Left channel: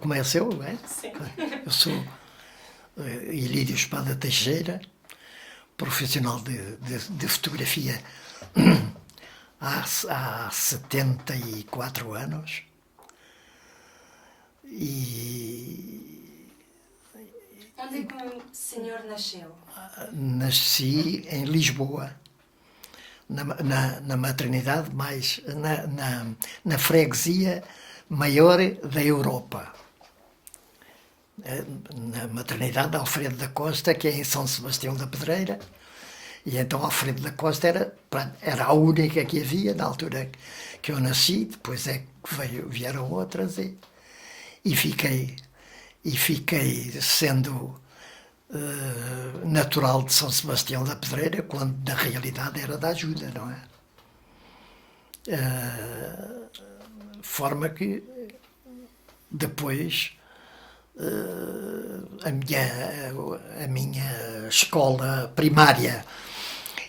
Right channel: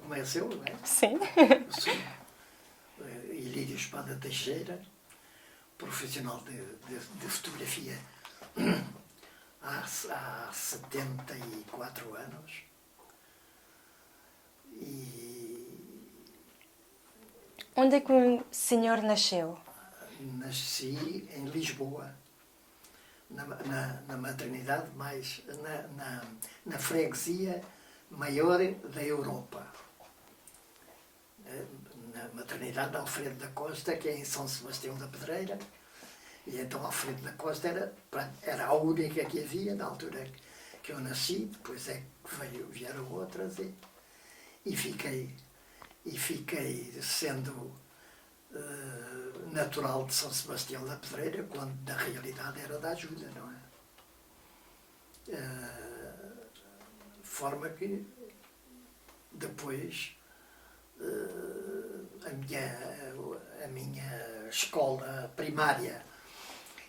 Começo eu, não é? Sim. Eu sou Ilírio Espada Teixeira, profissional de fotografia há 74 anos. E Onde é que o senhor nasceu? nasci em Lisboa, na maternidade, mais na freguesia maior da Europa. Na maternidade Alfredo da Costa, que é em São Sebastião da Pedreira. E então Alfredo da Costa era a única que havia na altura que eu nasci. Depois é que vieram outras e fiquei sendo natural de São Sebastião da Pedreira, quando na realidade era da Ajuda, não é? Forma que depois a minha escola primária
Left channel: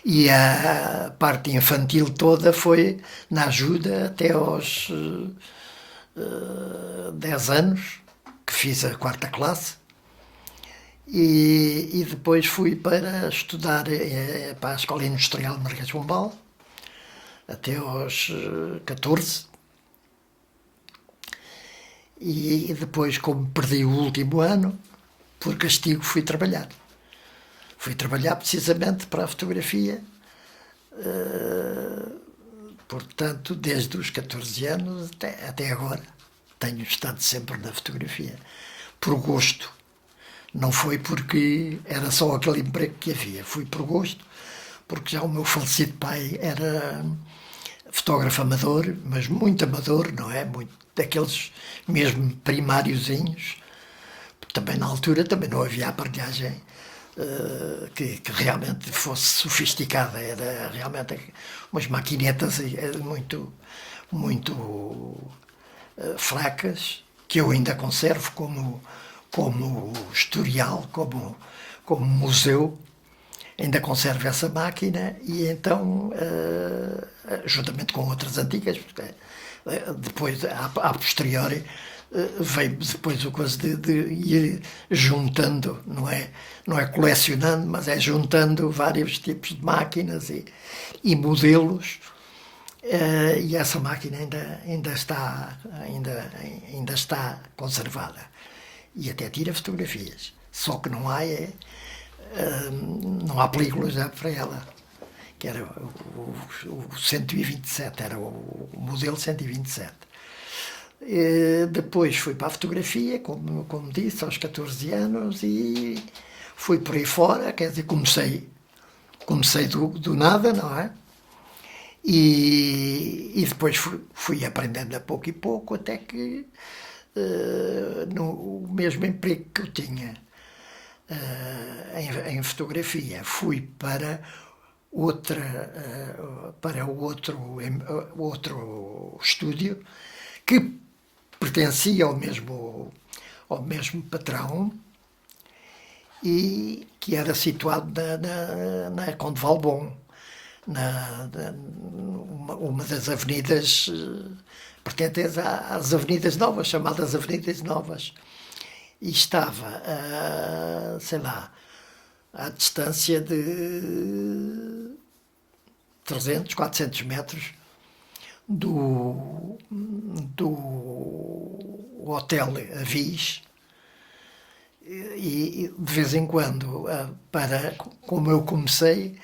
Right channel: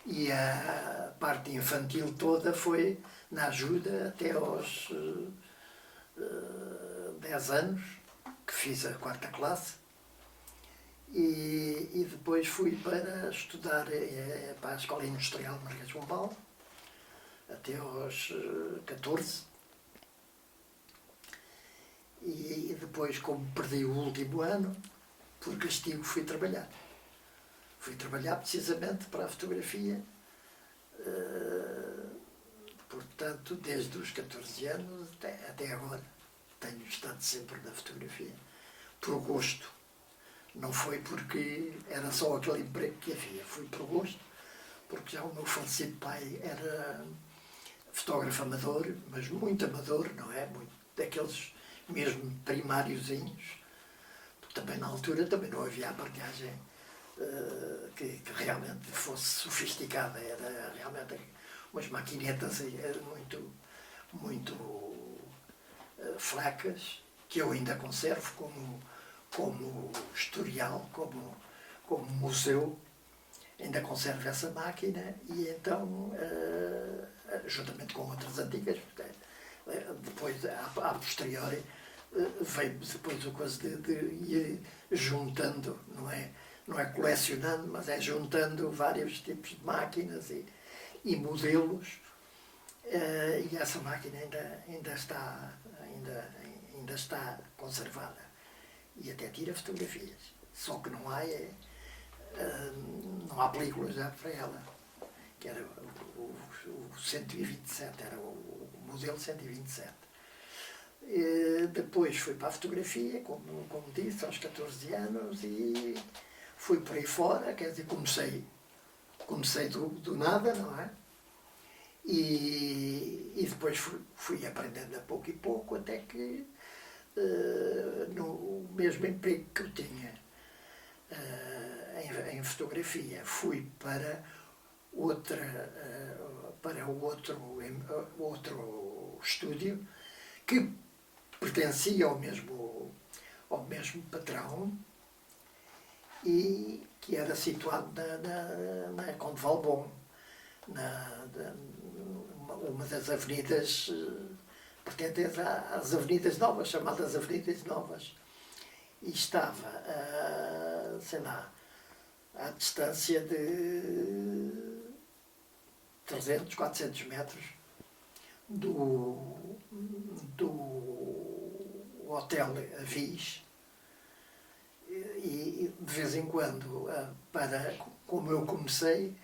e a parte infantil toda foi na Ajuda até aos 10 anos, que fiz a quarta classe. E depois fui para estudar para a Escola Industrial de Marquês de Pombal, até aos 14. E depois, como perdi o último ano, por castigo fui trabalhar. Fui trabalhar precisamente para a fotografia, portanto, desde os 14 anos até agora. Tenho estado sempre na fotografia, por gosto. Não foi porque era só aquele emprego que havia, fui por gosto, porque já o meu falecido pai era fotógrafo amador, mas muito amador, não é? Muito, daqueles mesmo primáriozinhos. Também na altura também não havia aparelhagem que realmente fosse sofisticada, era realmente umas maquinetas muito fracas, que eu ainda conservo como historial, como museu. Ainda conservo essa máquina e então, juntamente com outras antigas, depois, a posteriori, veio depois o coisa de ir juntando, não é colecionando, mas é juntando vários tipos de máquinas e modelos. E essa máquina ainda está conservada. E até tira fotografias. Só que não há películas para ela. Que era o 127, era o modelo 127. Depois fui para a fotografia, como disse, aos 14 anos, e fui por aí fora, quer dizer, comecei do nada, não é? E depois fui aprendendo a pouco e pouco, até que no mesmo emprego que eu tinha em fotografia, fui para outro estúdio que pertencia ao mesmo patrão e que era situado na Conde Valbon, uma das avenidas pertencentes às Avenidas Novas, chamadas Avenidas Novas. E estava, sei lá, à distância de 300, 400 metros do Hotel Avis. E de vez em quando, como eu comecei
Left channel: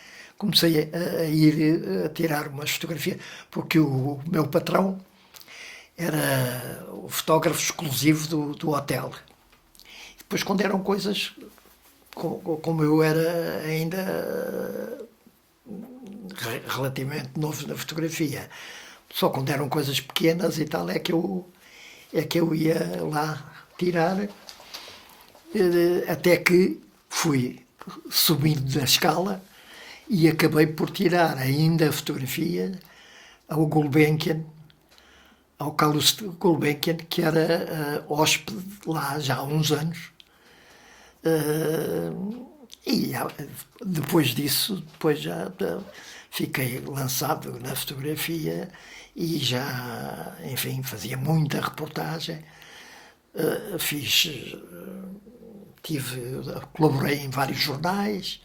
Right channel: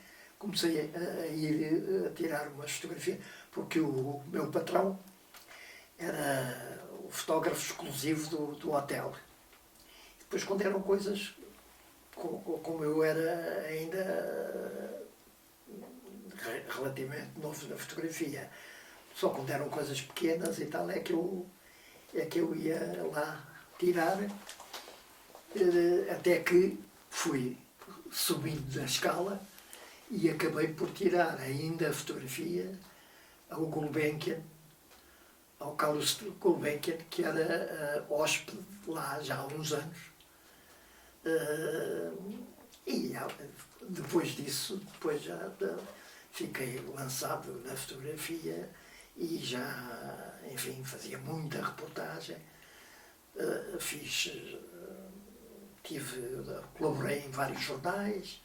a ir a tirar umas fotografias, porque o meu patrão era o fotógrafo exclusivo do hotel. Depois, quando eram coisas, como eu era ainda relativamente novo na fotografia, só quando eram coisas pequenas e tal é que eu ia lá tirar, até que fui subindo na escala e acabei por tirar ainda a fotografia ao Gulbenkian, ao Carlos Gulbenkian, que era hóspede lá já há uns anos. E depois disso, depois já fiquei lançado na fotografia e já, enfim, fazia muita reportagem fiz, colaborei em vários jornais,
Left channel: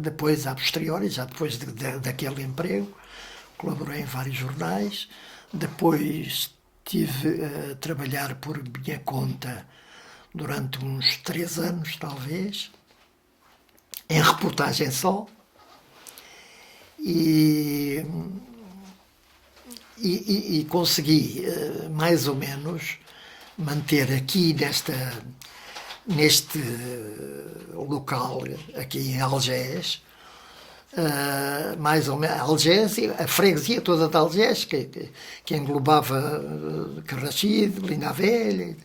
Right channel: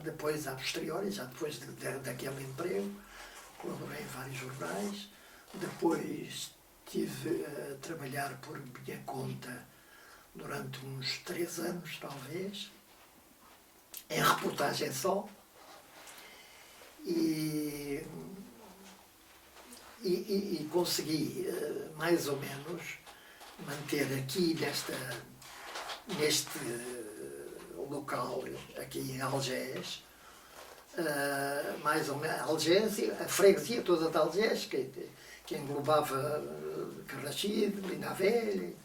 depois, a posteriori, já depois daquele emprego, colaborei em vários jornais, depois estive a trabalhar por minha conta durante uns 3 anos, talvez, em reportagem só, e consegui, mais ou menos, manter aqui neste local, aqui em Algés, mais ou menos, Algés, a freguesia toda de Algés, que englobava Carrachide, Linha Velha,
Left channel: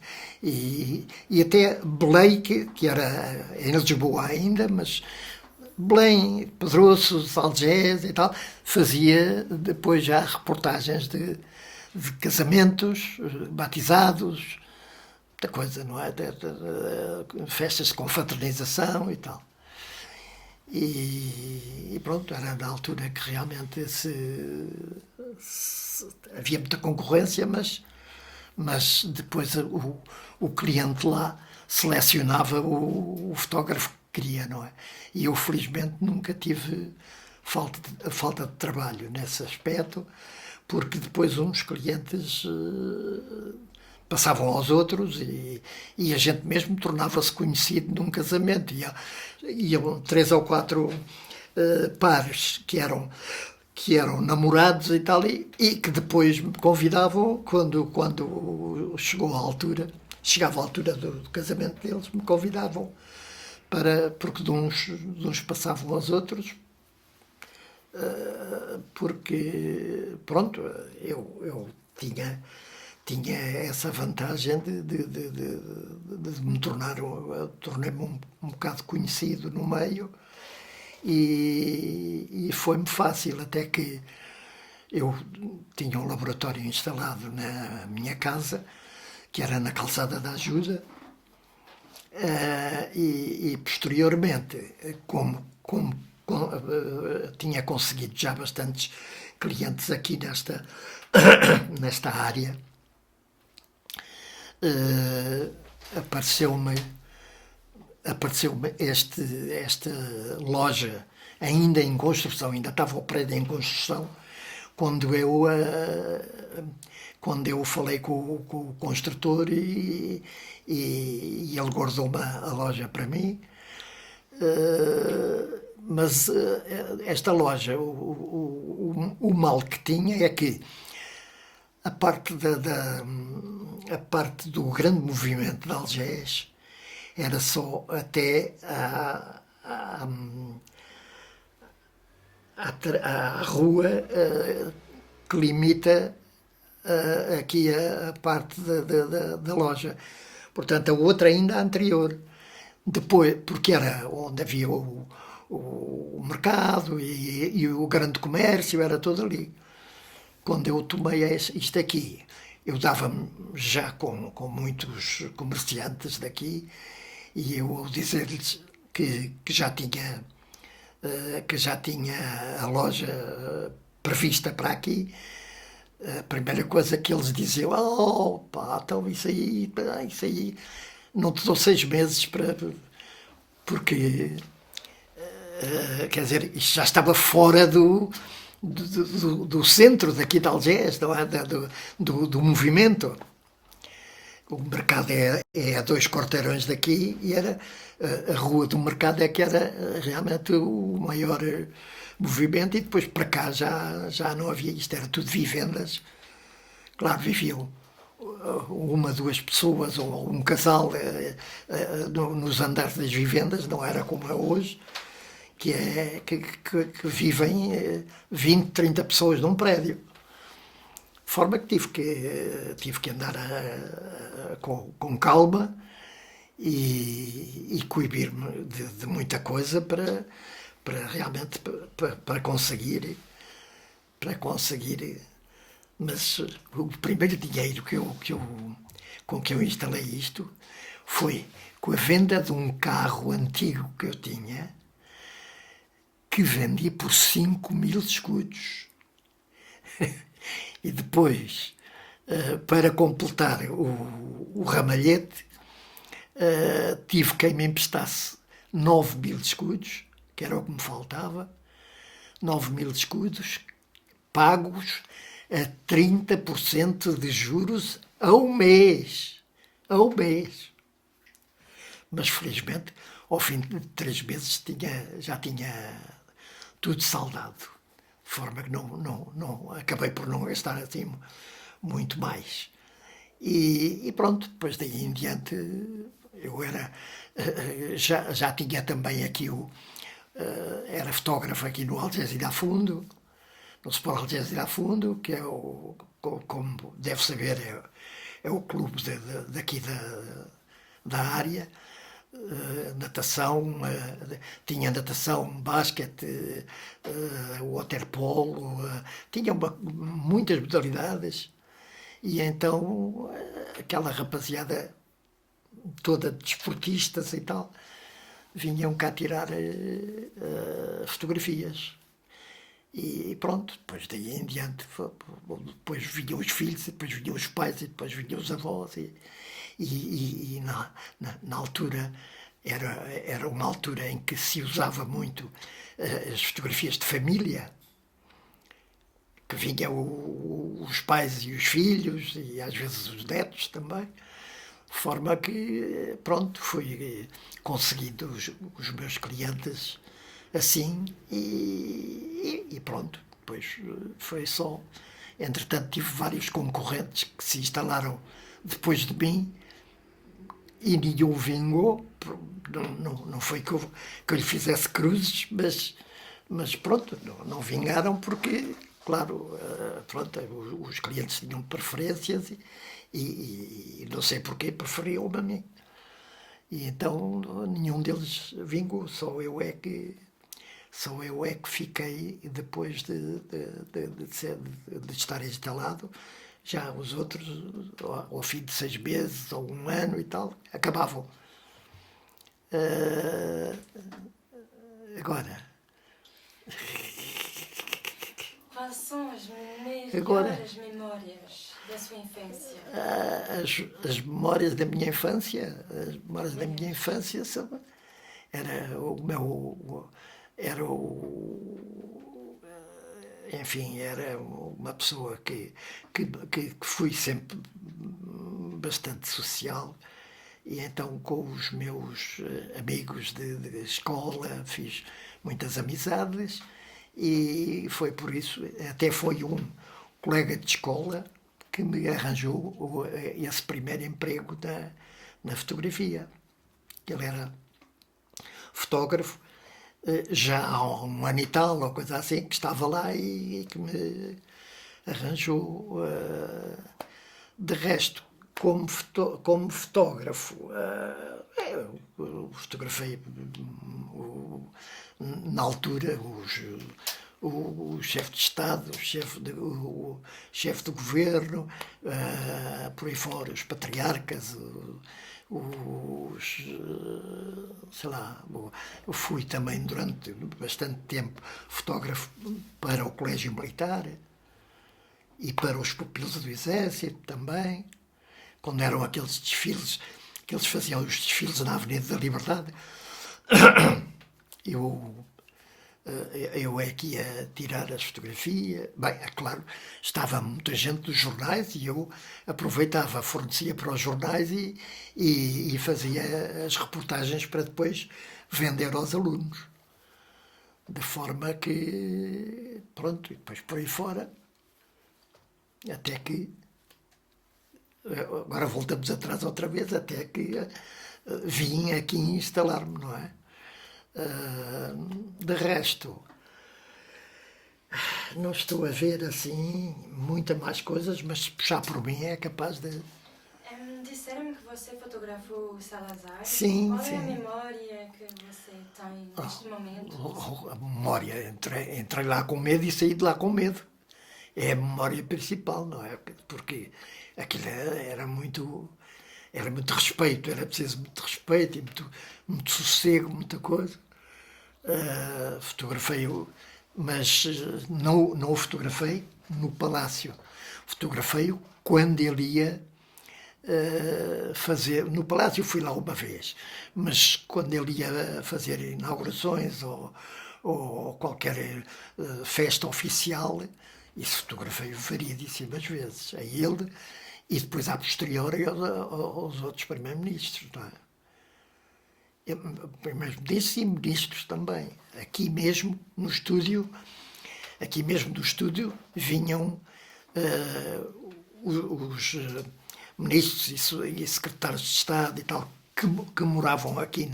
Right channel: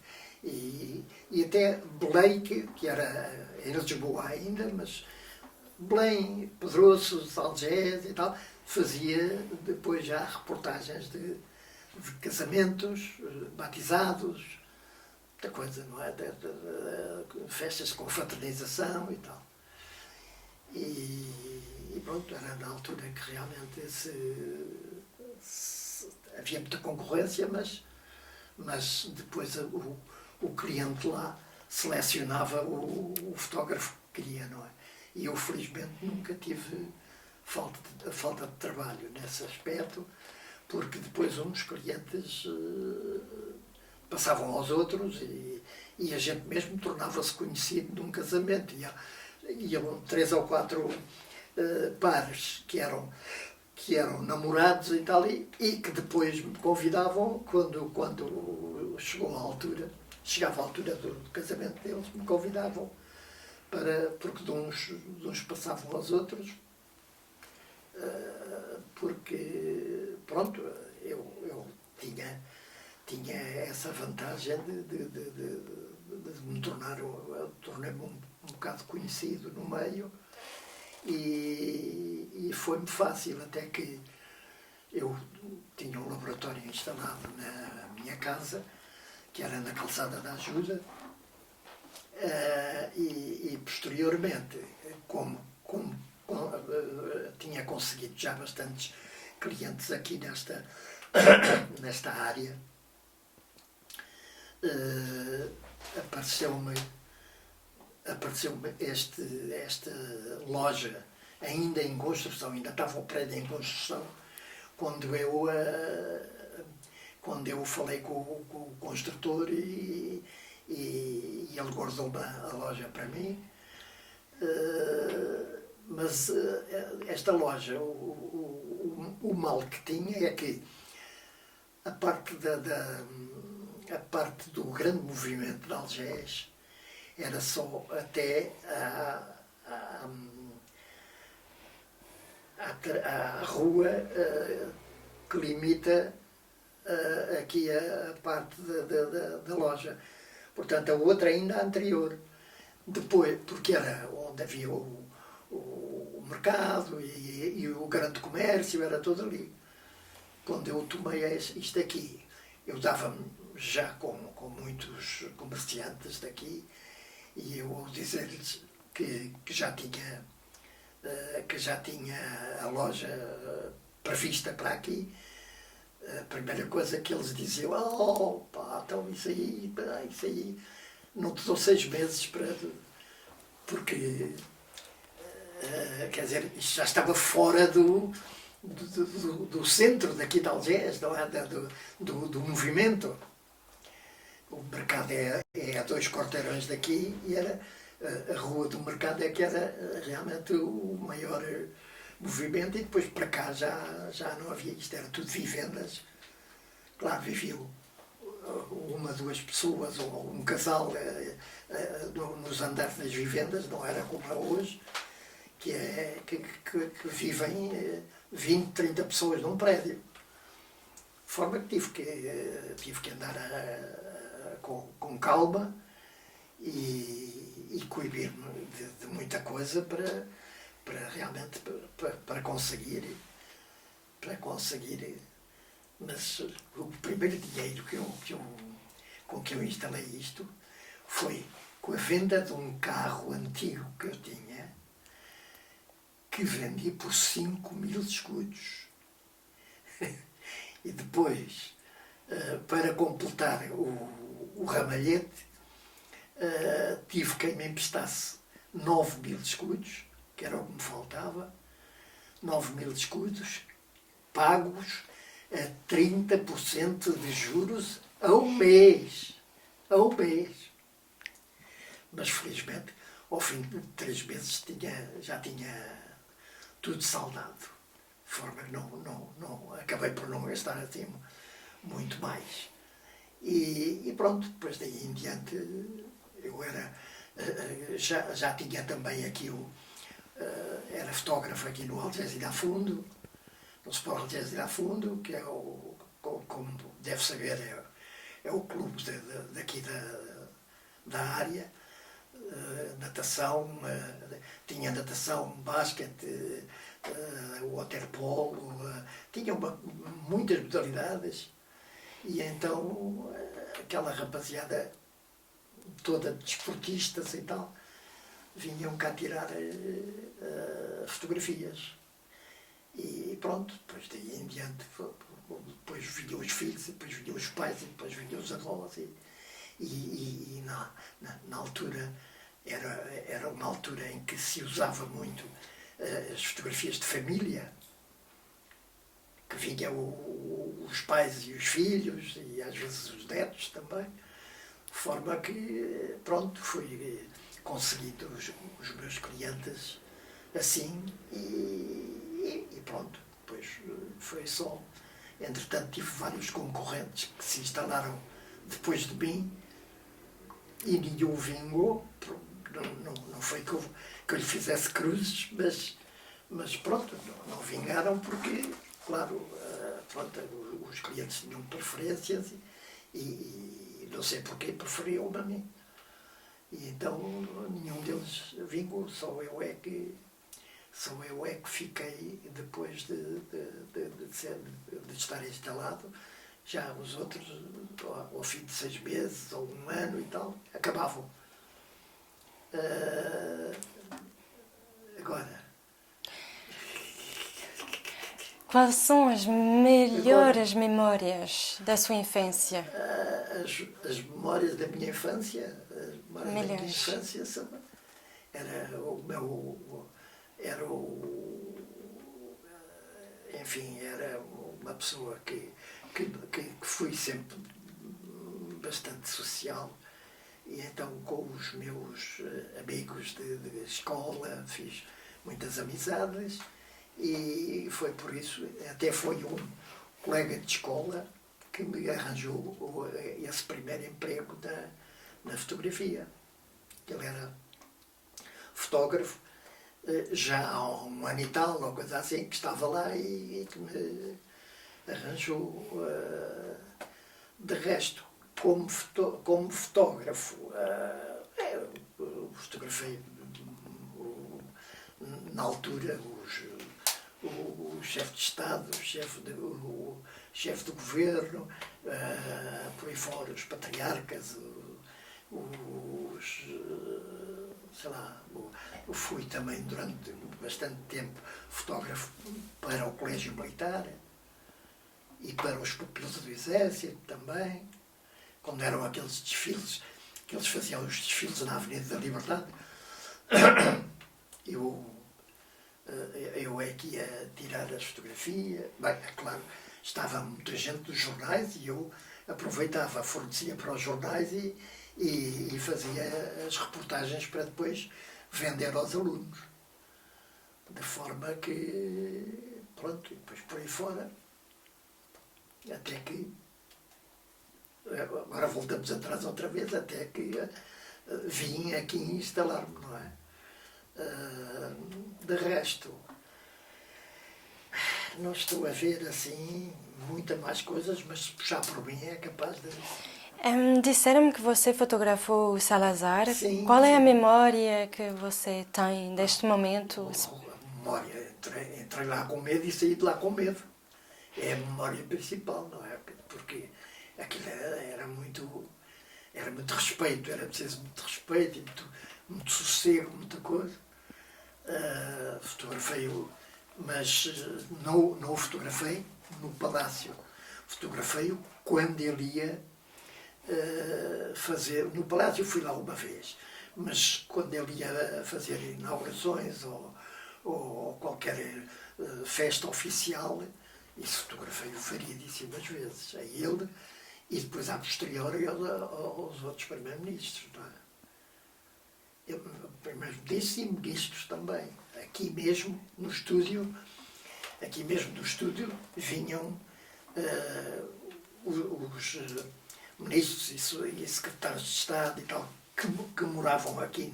e até Belém, que era em Lisboa ainda, mas Belém, Pedroços, Algés e tal, fazia depois já reportagens de casamentos, batizados, muita coisa, não é? Festas de confraternização e tal. E pronto, era na altura que realmente havia muita concorrência, mas depois o cliente lá selecionava o fotógrafo que queria, não é? E eu, felizmente, nunca tive falta de trabalho nesse aspecto, porque depois uns clientes passavam aos outros e a gente mesmo tornava-se conhecido num casamento. Iam 3 ou 4 pares que eram namorados e tal, e que depois me convidavam quando chegava a altura do casamento deles, me convidavam porque de uns passavam aos outros, porque pronto, eu tinha essa vantagem de me tornei-me um bocado conhecido no meio, e foi-me fácil, até que eu tinha um laboratório instalado na minha casa, que era na Calçada da Ajuda, e posteriormente, como tinha conseguido já bastantes clientes aqui nesta área, apareceu-me esta loja ainda em construção, ainda estava o prédio em construção, quando eu falei com o construtor, e ele guardou a loja para mim. Mas esta loja, o mal que tinha é que a parte do grande movimento de Algés era só até à rua que limita aqui a parte da loja. Portanto, a outra ainda anterior. Depois, porque era onde havia o mercado e o grande comércio, era todo ali. Quando eu tomei isto aqui, eu dava-me já com muitos comerciantes daqui, e eu, ao dizer-lhes que já tinha a loja prevista para aqui, a primeira coisa que eles diziam: oh pá, então isso aí, não te dou 6 meses porque quer dizer, isto já estava fora do centro daqui de Algés, não é? do movimento. O mercado é a 2 quarteirões daqui, e era a rua do mercado é que era realmente o maior movimento, e depois para cá já não havia isto, era tudo vivendas. Claro, viviam 1, 2 pessoas ou um casal nos andares das vivendas, não era como é hoje, que vivem 20, 30 pessoas num prédio. De forma que tive que andar com calma e coibir-me de muita coisa para realmente para conseguir. Mas o primeiro dinheiro com que eu instalei isto foi com a venda de um carro antigo que eu tinha, que vendi por 5.000 escudos. E depois Para completar o ramalhete, tive quem me emprestasse 9.000 escudos, que era o que me faltava, 9.000 escudos, pagos a 30% de juros ao mês. Ao mês. Mas, felizmente, ao fim de 3 meses já tinha tudo saldado. De forma que acabei por não gastar assim muito mais. E pronto, depois daí em diante eu já tinha também aqui era fotógrafo aqui no Algésia Fundo, no Sport Algésia Fundo, que é como deve saber, é o clube daqui da área. Natação, tinha natação, basquete, waterpolo, tinha muitas modalidades. E então aquela rapaziada toda desportistas e tal, vinham cá tirar fotografias. E pronto, depois daí em diante, depois vinham os filhos, depois vinham os pais, e depois vinham os avós. E na altura, era uma altura em que se usava muito as fotografias de família, que vinham os pais e os filhos, e às vezes os netos também, de forma que, pronto, fui conseguindo os meus clientes assim, e pronto, depois foi só. Entretanto, tive vários concorrentes que se instalaram depois de mim e nenhum vingou. Não foi que eu lhe fizesse cruzes, mas pronto, não vingaram porque, claro, pronto, os clientes tinham preferências e não sei porquê preferiam-me a mim. E então nenhum deles vingou, só eu é que fiquei depois de estar instalado. Já os outros, ao fim de 6 meses ou 1 ano e tal, acabavam. Agora. Quais são as melhores memórias da sua infância? As memórias da minha infância, enfim, era uma pessoa que fui sempre bastante social, e então com os meus amigos de escola fiz muitas amizades, e foi por isso, até foi um colega de escola que me arranjou esse primeiro emprego na fotografia. Ele era fotógrafo, já há 1 ano e tal, ou coisa assim, que estava lá e que me arranjou. De resto, como fotógrafo, eu fotografei na altura o chefe de Estado, o chefe do governo, por aí fora, os patriarcas, sei lá, eu fui também durante bastante tempo fotógrafo para o Colégio Militar e para os pupilos do Exército também, quando eram aqueles desfiles, que eles faziam os desfiles na Avenida da Liberdade. Eu é que ia tirar as fotografias. Bem, é claro, estava muita gente dos jornais e eu aproveitava, fornecia para os jornais e fazia as reportagens para depois vender aos alunos. De forma que, pronto, e depois por aí fora, até que, agora voltamos atrás outra vez, até que vim aqui instalar-me, não é? De resto, não estou a ver assim muitas mais coisas, mas se puxar por mim é capaz de. Disseram-me que você fotografou o Salazar. Sim, Qual é a sim. memória que você tem deste momento? A memória, entrei lá com medo e saí de lá com medo. É a memória principal, não é? Porque aquilo era muito respeito, era preciso muito respeito e muito sossego, muita coisa. Fotografei-o, mas não o fotografei no palácio. Fotografei-o quando ele ia fazer... No Palácio fui lá uma vez, mas quando ele ia fazer inaugurações ou qualquer festa oficial, isso fotografei variedíssimas vezes, a ele e depois a posteriori aos outros primeiros-ministros, não é? Primeiros-ministros e ministros também. Aqui mesmo no estúdio, aqui mesmo do estúdio, vinham os ministros e secretários de Estado e tal, que moravam aqui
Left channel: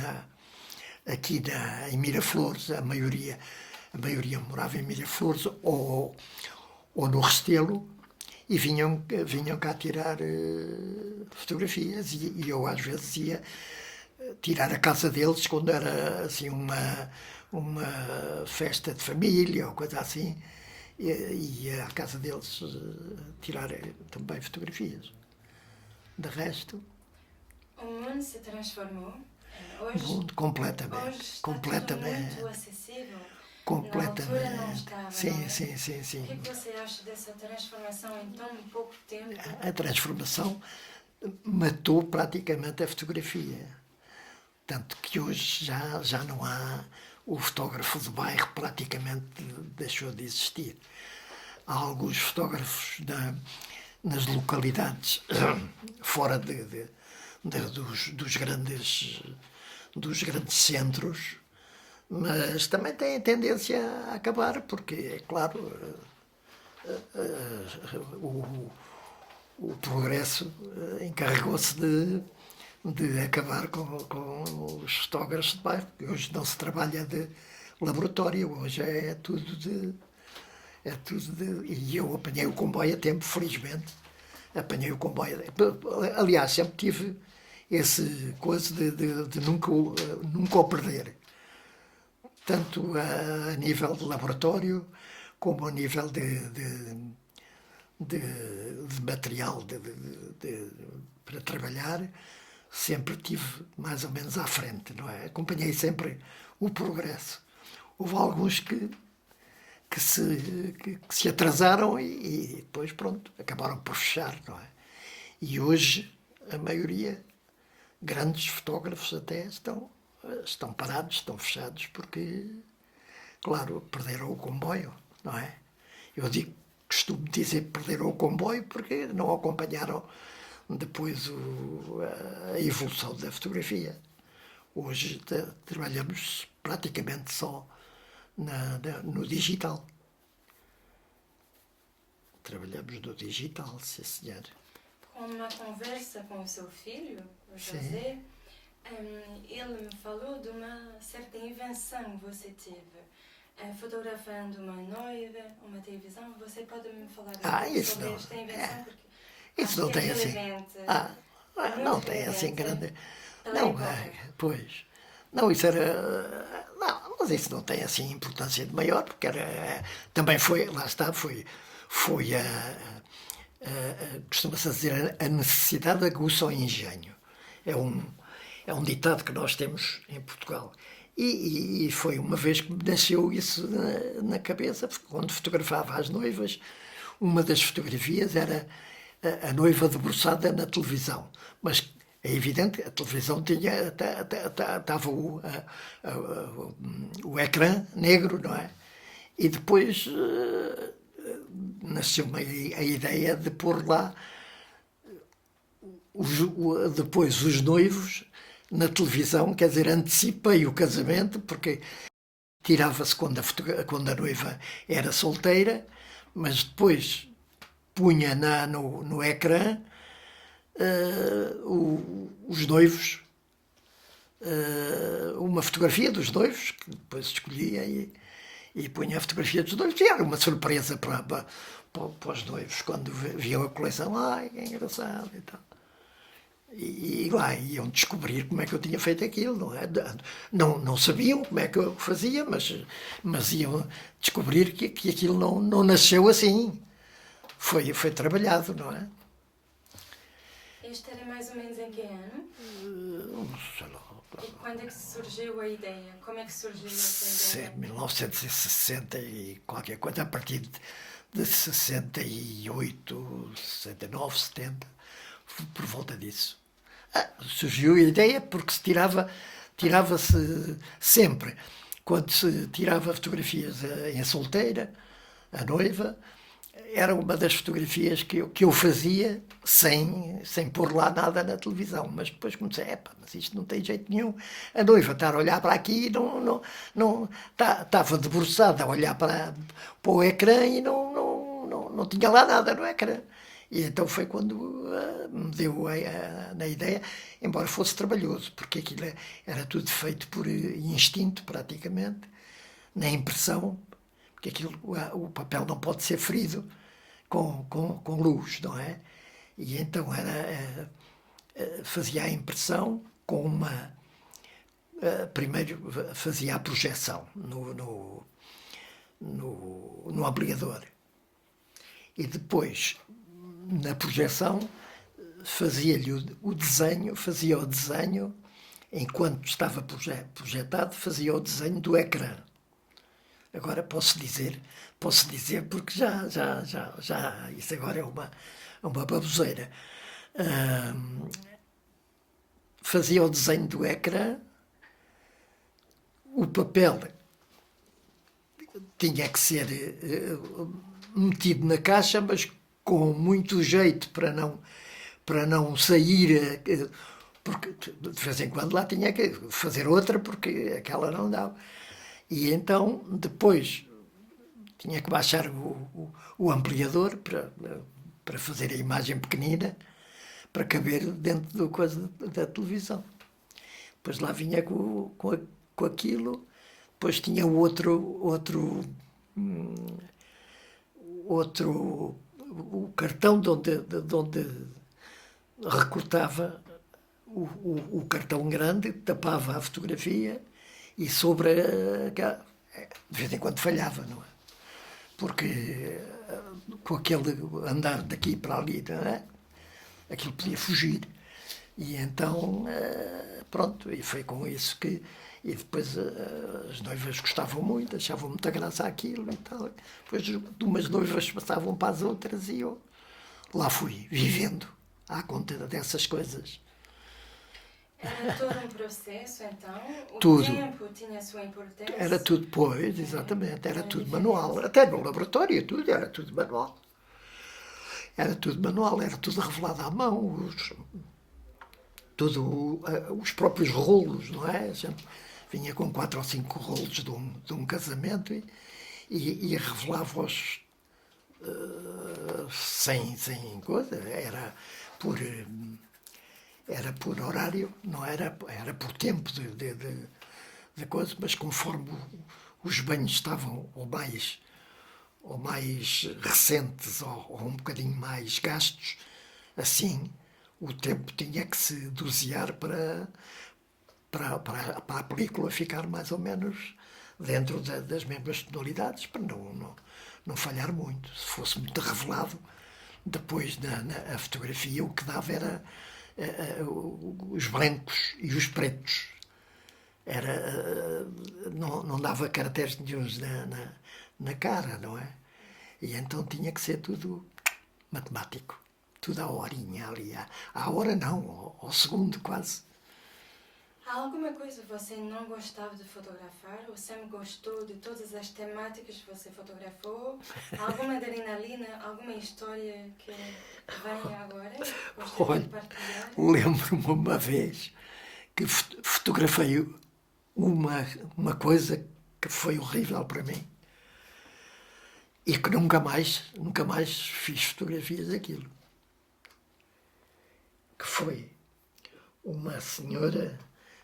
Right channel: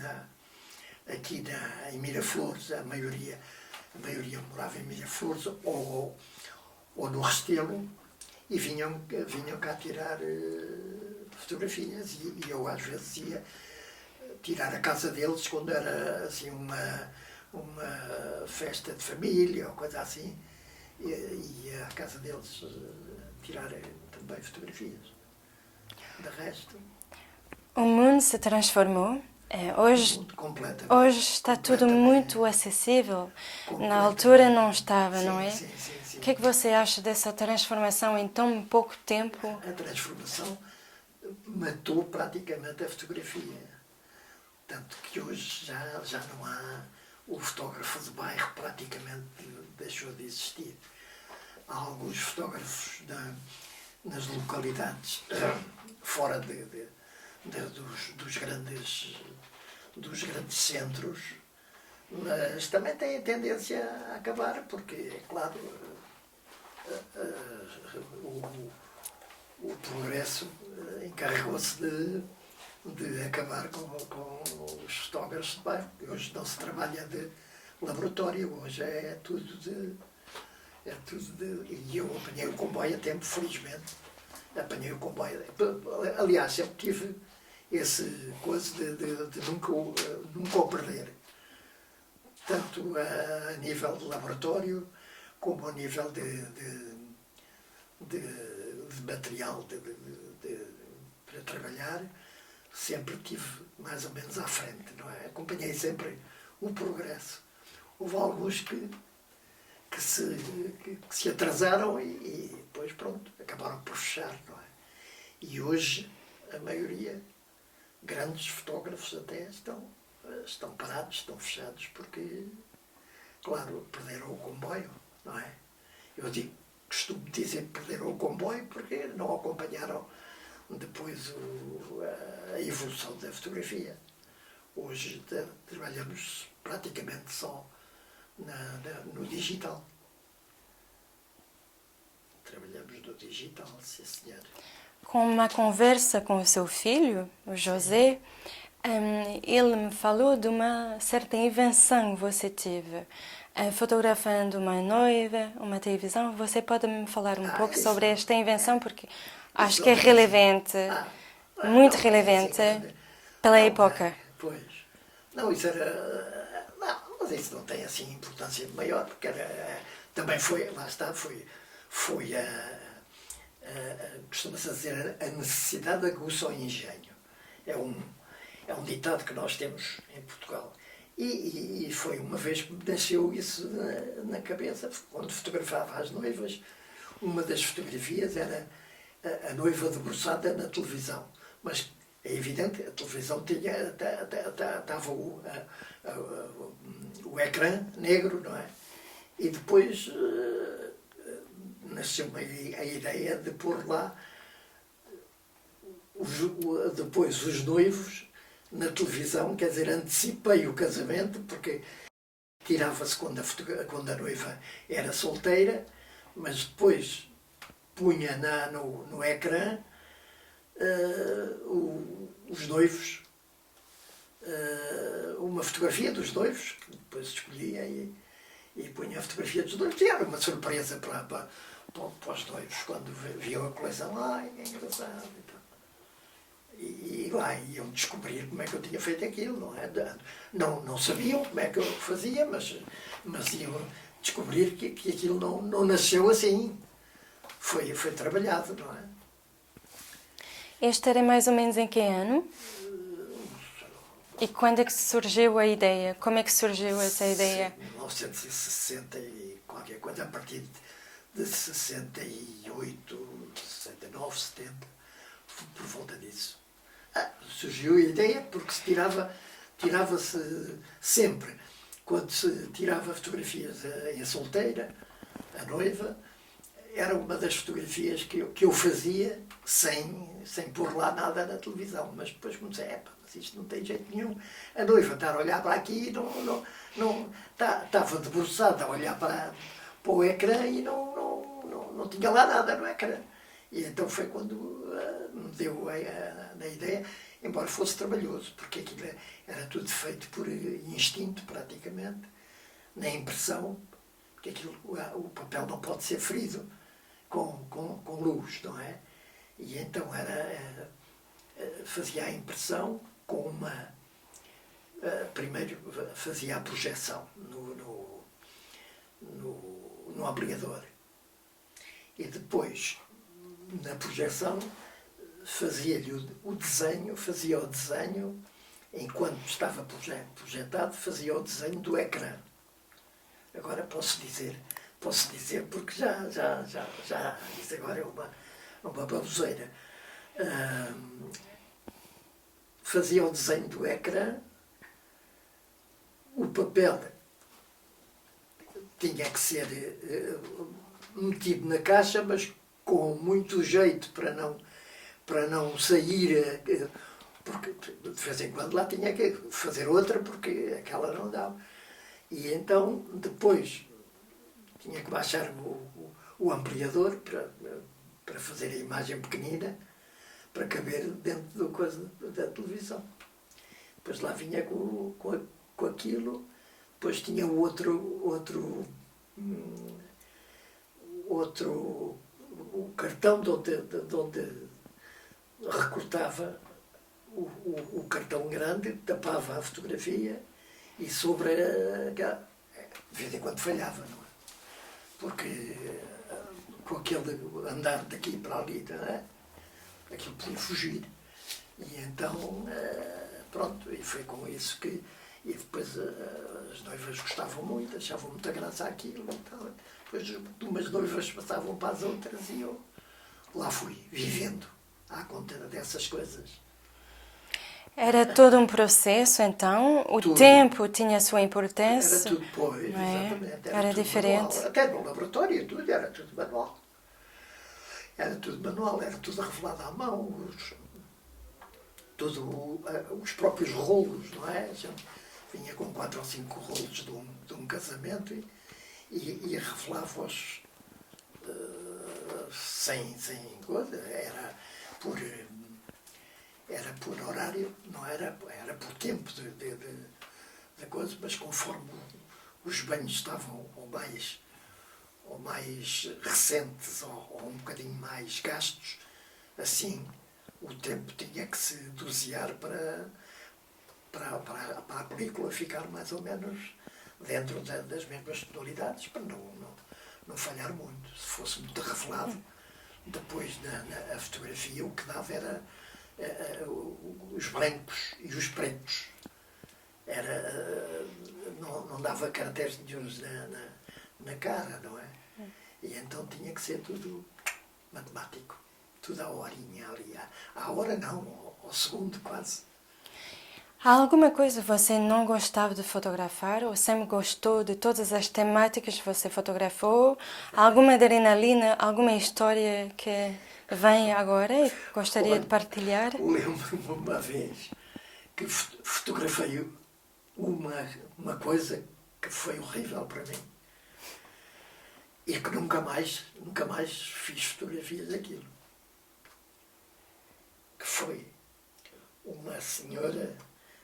em Miraflores, a maioria morava em Miraflores ou no Restelo, e vinham cá tirar fotografias, e eu às vezes ia tirar a casa deles quando era assim uma festa de família ou coisa assim, e ia à casa deles tirar também fotografias. De resto, O mundo se transformou. Hoje está tudo muito acessível. Na altura não estava, sim, não é? Sim, sim, sim. O que é que você acha dessa transformação em tão pouco tempo? A transformação matou praticamente a fotografia. Tanto que hoje já não há... O fotógrafo de bairro praticamente deixou de existir. Há alguns fotógrafos nas localidades fora dos grandes centros, mas também têm tendência a acabar, porque, é claro, o progresso encarregou-se de acabar com os fotógrafos de bairro. Hoje não se trabalha de laboratório, hoje é tudo de... E eu apanhei o comboio a tempo, felizmente. Apanhei o comboio. Aliás, sempre tive esse coisa de nunca o perder. Tanto a nível de laboratório, como a nível de material para trabalhar, sempre tive mais ou menos à frente, não é? Acompanhei sempre o progresso. Houve alguns que se atrasaram e depois, pronto, acabaram por fechar, não é? E hoje, a maioria, grandes fotógrafos até, estão parados, estão fechados, porque, claro, perderam o comboio, não é? Costumo dizer que perderam o comboio porque não acompanharam depois a evolução da fotografia. Hoje trabalhamos praticamente só no digital. Trabalhamos no digital, sim senhor. Com uma conversa com o seu filho, o José, ele me falou de uma certa invenção que você teve, fotografando uma noiva, uma televisão. Você pode me falar um pouco sobre esta invenção, porque acho que é relevante, muito relevante pela época. Pois. Não, isso era... Não, mas isso não tem assim importância de maior, porque também foi, lá está, foi costuma-se dizer, a necessidade aguça o engenho. É um ditado que nós temos em Portugal. E foi uma vez que me nasceu isso na cabeça, quando fotografava as noivas. Uma das fotografias era a noiva debruçada na televisão, mas é evidente, a televisão estava o ecrã negro, não é? E depois nasceu-me a ideia de pôr lá depois os noivos na televisão, quer dizer, antecipei o casamento, porque tirava-se quando a noiva era solteira, mas depois punha no ecrã os noivos, uma fotografia dos noivos, que depois escolhia e punha a fotografia dos noivos, e era uma surpresa para os noivos, quando viam a coleção. Ai, que engraçado e tal. E lá iam descobrir como é que eu tinha feito aquilo, não é? Não sabiam como é que eu fazia, mas iam descobrir que aquilo não nasceu assim. Foi trabalhado, não é? Este era mais ou menos em que ano? E quando é que surgiu a ideia? Como é que surgiu essa ideia? 1960 e qualquer coisa, a partir de 68, 69, 70, por volta disso. Surgiu a ideia porque tirava-se sempre, quando se tirava fotografias em solteira, a noiva, era uma das fotografias que eu fazia sem pôr lá nada na televisão. Mas depois comecei, mas isto não tem jeito nenhum. A noiva estar a olhar para aqui e estava debruçada a olhar para o ecrã e não tinha lá nada no ecrã. E então foi quando me deu na ideia, embora fosse trabalhoso, porque aquilo era tudo feito por instinto, praticamente, na impressão, porque aquilo, o papel não pode ser ferido com luz, não é? E então fazia a impressão com uma... primeiro fazia a projeção no ampliador. E depois, na projeção, fazia o desenho, enquanto estava projetado, fazia o desenho do ecrã. Agora posso dizer porque já isso agora é uma baboseira. Fazia o desenho do ecrã, o papel tinha que ser metido na caixa, mas com muito jeito para não sair, porque de vez em quando lá tinha que fazer outra porque aquela não dava. E então depois tinha que baixar o ampliador para fazer a imagem pequenina, para caber dentro do coisa da televisão. Depois lá vinha com aquilo, depois tinha o cartão de onde recortava o cartão grande, tapava a fotografia e sobre de vez em quando falhava, não é? Porque com aquele andar daqui para ali, não é? Aquilo podia fugir. E então, pronto, e foi com isso que... E depois as noivas gostavam muito, achavam muita graça aquilo e tal. Depois de umas noivas passavam para as outras e eu lá fui, vivendo à conta dessas coisas. Era todo um processo, então? O Tudo. tempo tinha a sua importância? Era tudo, pois, não é? exatamente. Era tudo diferente. manual. Até no laboratório, tudo, era tudo manual. Era tudo manual, era tudo revelado à mão. Os próprios rolos, não é? Vinha com 4 ou 5 rolos de um casamento e revelava-os sem coisa. Era por horário, não era por tempo de coisa, mas conforme os banhos estavam ou mais recentes ou um bocadinho mais gastos, assim o tempo tinha que se dosear para a película ficar mais ou menos dentro das mesmas tonalidades, para não falhar muito. Se fosse muito revelado, depois a fotografia o que dava era os brancos e os pretos. Não dava caracteres nenhuns na cara, não é? E então tinha que ser tudo matemático, tudo à horinha ali, à hora não, ao segundo quase. Há alguma coisa que você não gostava de fotografar ou sempre gostou de todas as temáticas que você fotografou? Alguma adrenalina, alguma história que vem agora e gostaria de partilhar? Lembro-me uma vez que fotografei uma coisa que foi horrível para mim e que nunca mais fiz fotografias daquilo. Que foi uma senhora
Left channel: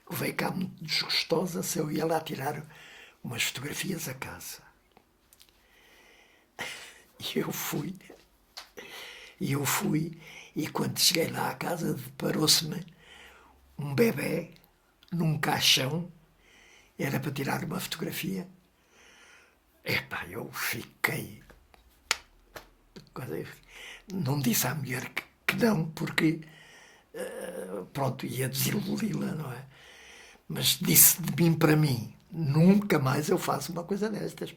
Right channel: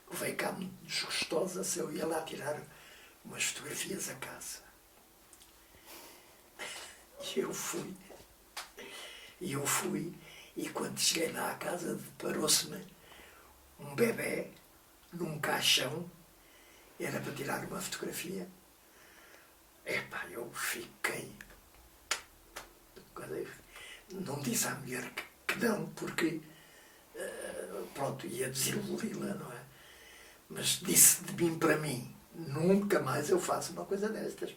que veio cá muito desgostosa se eu ia lá tirar umas fotografias a casa. E eu fui, e quando cheguei lá à casa deparou-se-me um bebé num caixão, era para tirar uma fotografia. Eu fiquei... Não disse à mulher que não, porque pronto, ia desiludi-la, não é? Mas disse de mim para mim, nunca mais eu faço uma coisa destas.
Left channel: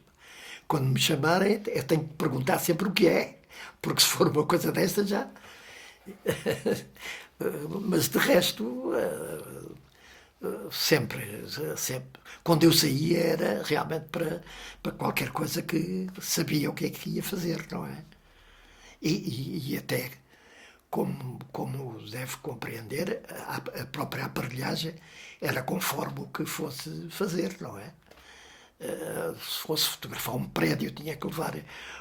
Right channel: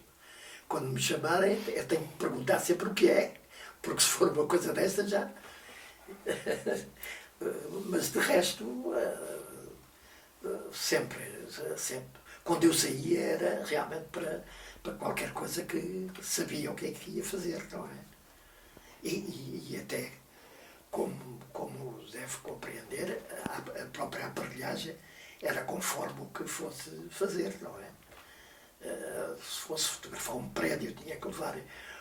quando me chamarem, eu tenho que perguntar sempre o que é, porque se for uma coisa desta já. Mas de resto, sempre, sempre. Quando eu saía era realmente para qualquer coisa que sabia o que é que ia fazer, não é? E até, como deve compreender, a própria aparelhagem era conforme o que fosse fazer, não é? Se fosse fotografar um prédio, tinha que levar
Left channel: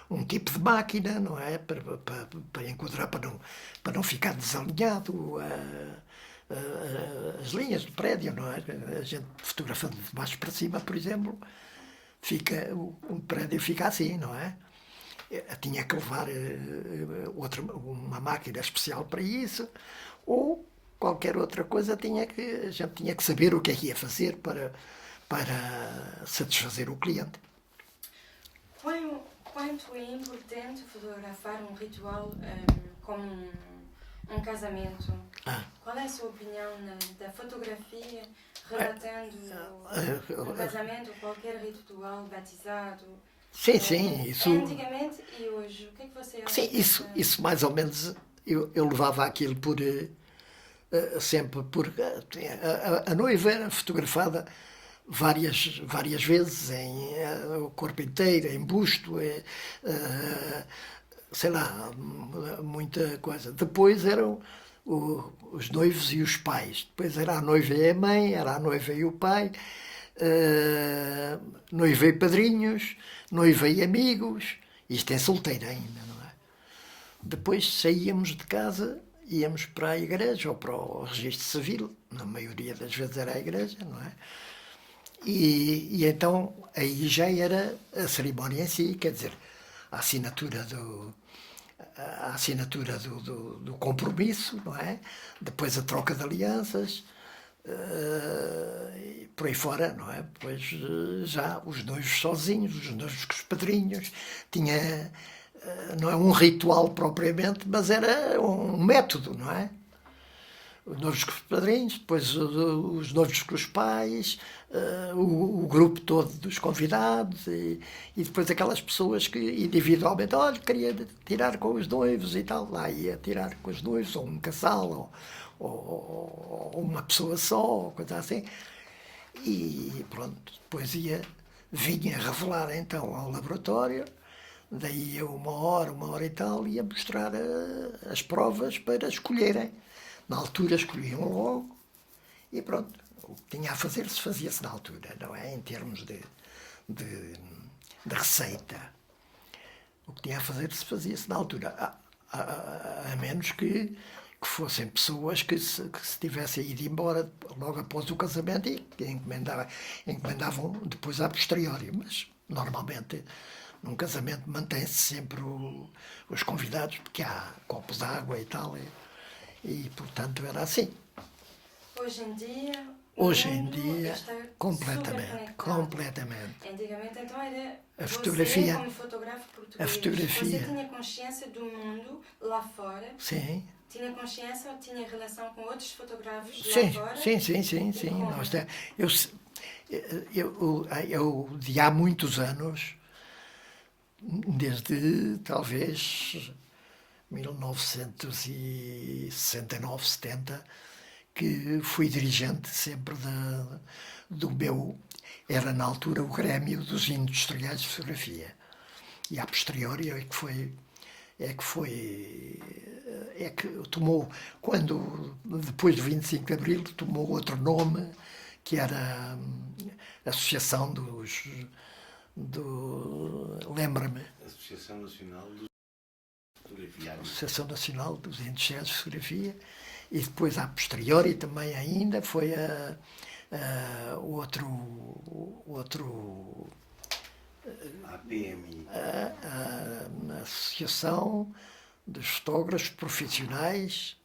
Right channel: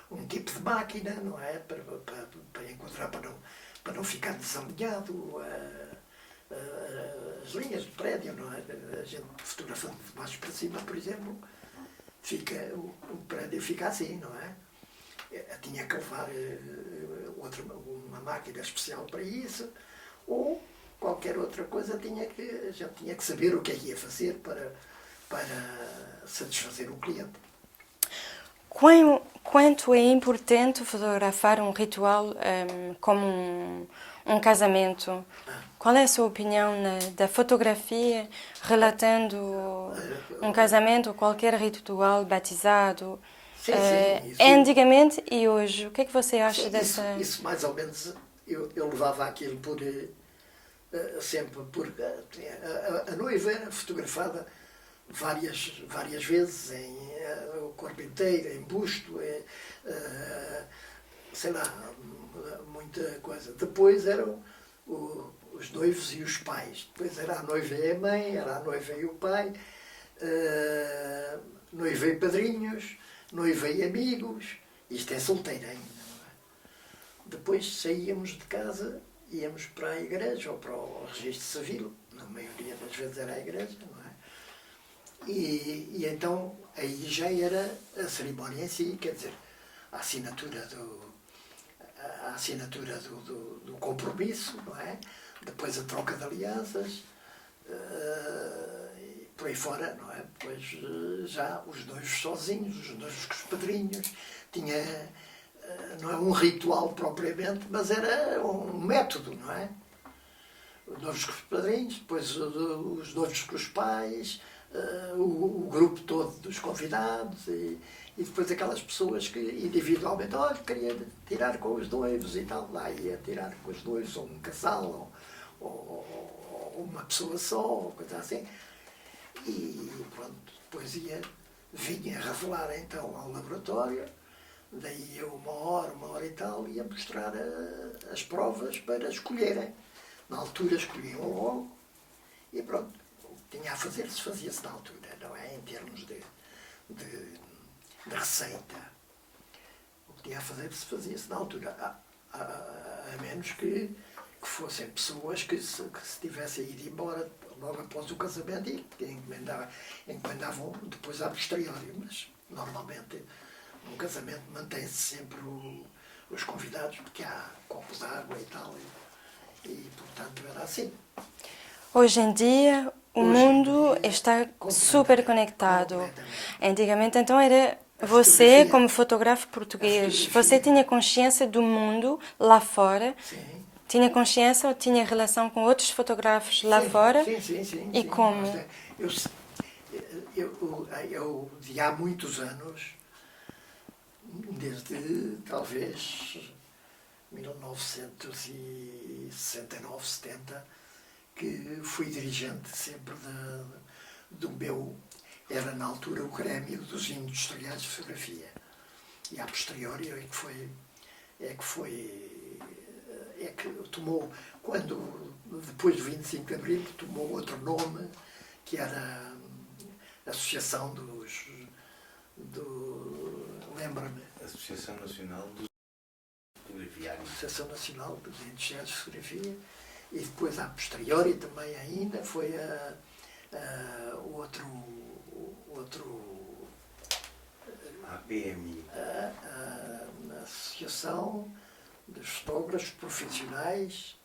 um tipo de máquina, não é? Para enquadrar, para não ficar desalinhado as linhas do prédio, não é? A gente fotografando de baixo para cima, por exemplo, o prédio fica assim, não é? Tinha que levar uma máquina especial para isso, ou qualquer outra coisa, a gente tinha que saber o que é que ia fazer para satisfazer o cliente. Quanto é importante fotografar um ritual como um casamento? Qual é a sua opinião da fotografia relatando um casamento ou qualquer ritual, batizado? Sim, sim. Isso, antigamente e hoje. O que é que você acha sim, dessa... isso mais ou menos, eu levava aquilo sempre por... A noiva era fotografada várias vezes, o corpo inteiro, em busto, sei lá, muita coisa. Depois eram os noivos e os pais. Depois era a noiva e a mãe, era a noiva e o pai, noiva e padrinhos, noiva e amigos. Isto é solteira ainda, não é? Depois saíamos de casa, íamos para a igreja ou para o registro civil. Na maioria das vezes era a igreja, não é? E então aí já era a cerimónia em si, quer dizer, a assinatura do compromisso, não é? Depois a troca de alianças, e por aí fora, não é? Depois já os noivos sozinhos, os noivos com os padrinhos, tinha, não é um ritual propriamente, mas era um método, não é? Os noivos com os padrinhos, depois os noivos com os pais, o grupo todo dos convidados e depois aquelas pessoas que individualmente, olha, queria tirar com os noivos e tal, lá ia tirar com os noivos, ou um casal, ou uma pessoa só, ou coisa assim. E pronto, depois vinha revelar então ao laboratório, daí eu uma hora e tal, ia mostrar as provas para escolherem. Na altura escolhiam logo e pronto. O que tinha a fazer se fazia-se na altura, não é? Em termos de receita. O que tinha a fazer se fazia-se na altura. A menos que fossem pessoas que se tivessem ido embora logo após o casamento e encomendavam depois a posteriori. Mas normalmente num casamento mantém-se sempre os convidados, porque há copos de água e tal. E portanto era assim. Hoje em dia o mundo está super conectado. Antigamente então era você como fotógrafo português. Você tinha consciência do mundo lá fora? Sim. Tinha consciência ou tinha relação com outros fotógrafos lá fora? Sim. E como? Eu de há muitos anos, desde talvez 1969, 70, que fui dirigente sempre do meu... Era na altura o Grêmio dos Industriais de Fotografia. E a posteriori é que tomou, depois do 25 de Abril, tomou outro nome, que era a Associação lembra-me. Associação Nacional dos Fotografiários. Associação Nacional dos Industriais de Fotografia. E depois, a posteriori, também ainda foi outro APMI. A Associação dos Fotógrafos Profissionais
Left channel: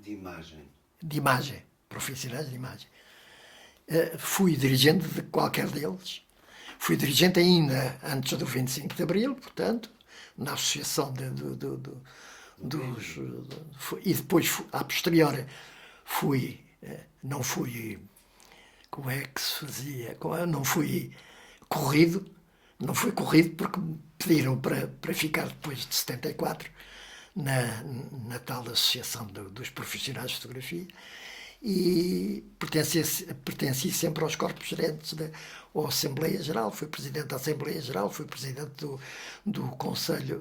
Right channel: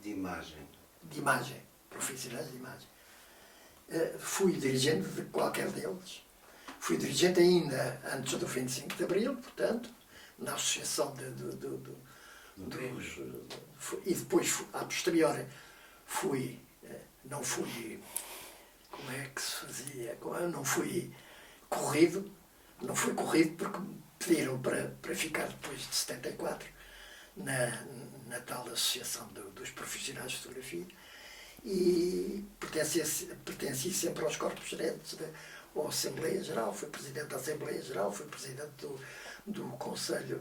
de Imagem. Profissionais de imagem. Fui dirigente de qualquer deles. Fui dirigente ainda antes do 25 de Abril, portanto, na Associação e depois, a posteriori, não fui, como é que se fazia? Não fui corrido, Não fui corrido porque me pediram para ficar depois de 74 na tal Associação dos Profissionais de Fotografia e pertenci sempre aos corpos gerentes da Assembleia Geral, fui presidente da Assembleia Geral, fui presidente do Conselho,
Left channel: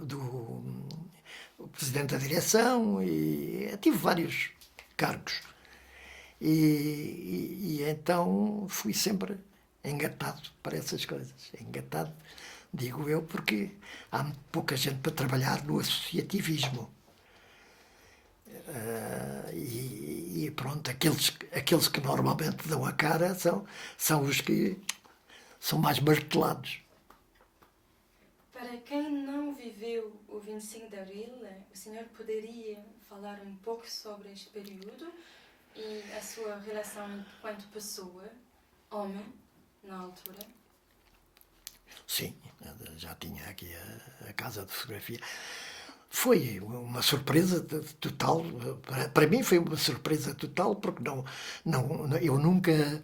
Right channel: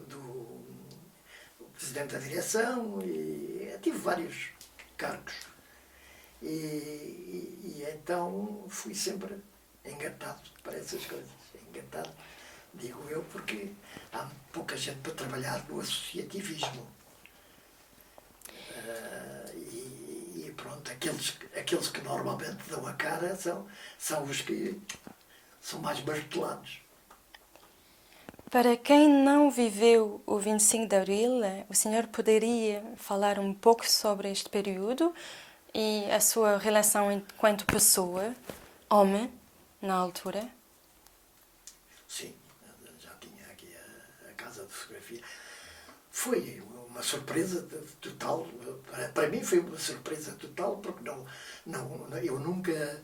presidente da direção e tive vários cargos. E então fui sempre engatado para essas coisas. Engatado, digo eu, porque há pouca gente para trabalhar no associativismo. E pronto, aqueles que normalmente dão a cara são os que são mais martelados. Para quem não viveu o 25 de Abril, o senhor poderia falar um pouco sobre este período e a sua relação enquanto pessoa, homem, na altura? Sim, já tinha aqui a casa de fotografia. Foi uma surpresa total, para mim foi uma surpresa total, porque eu nunca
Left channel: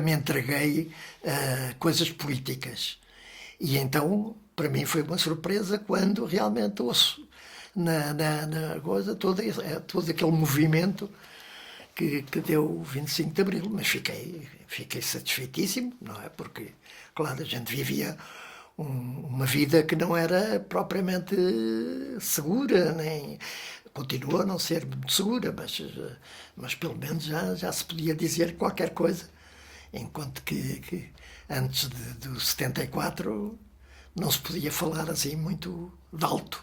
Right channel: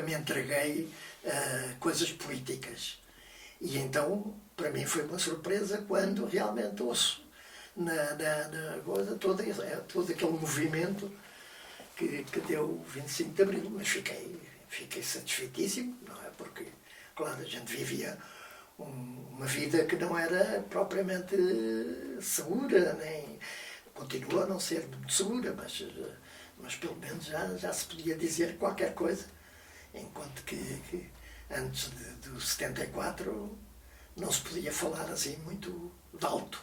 me entreguei a coisas políticas. E então, para mim foi uma surpresa quando realmente ouço na coisa todo aquele movimento que deu o 25 de Abril. Mas fiquei satisfeitíssimo, não é? Porque, claro, a gente vivia uma vida que não era propriamente segura, nem continua a não ser muito segura, mas pelo menos já se podia dizer qualquer coisa, enquanto que antes do 74 não se podia falar assim muito de alto.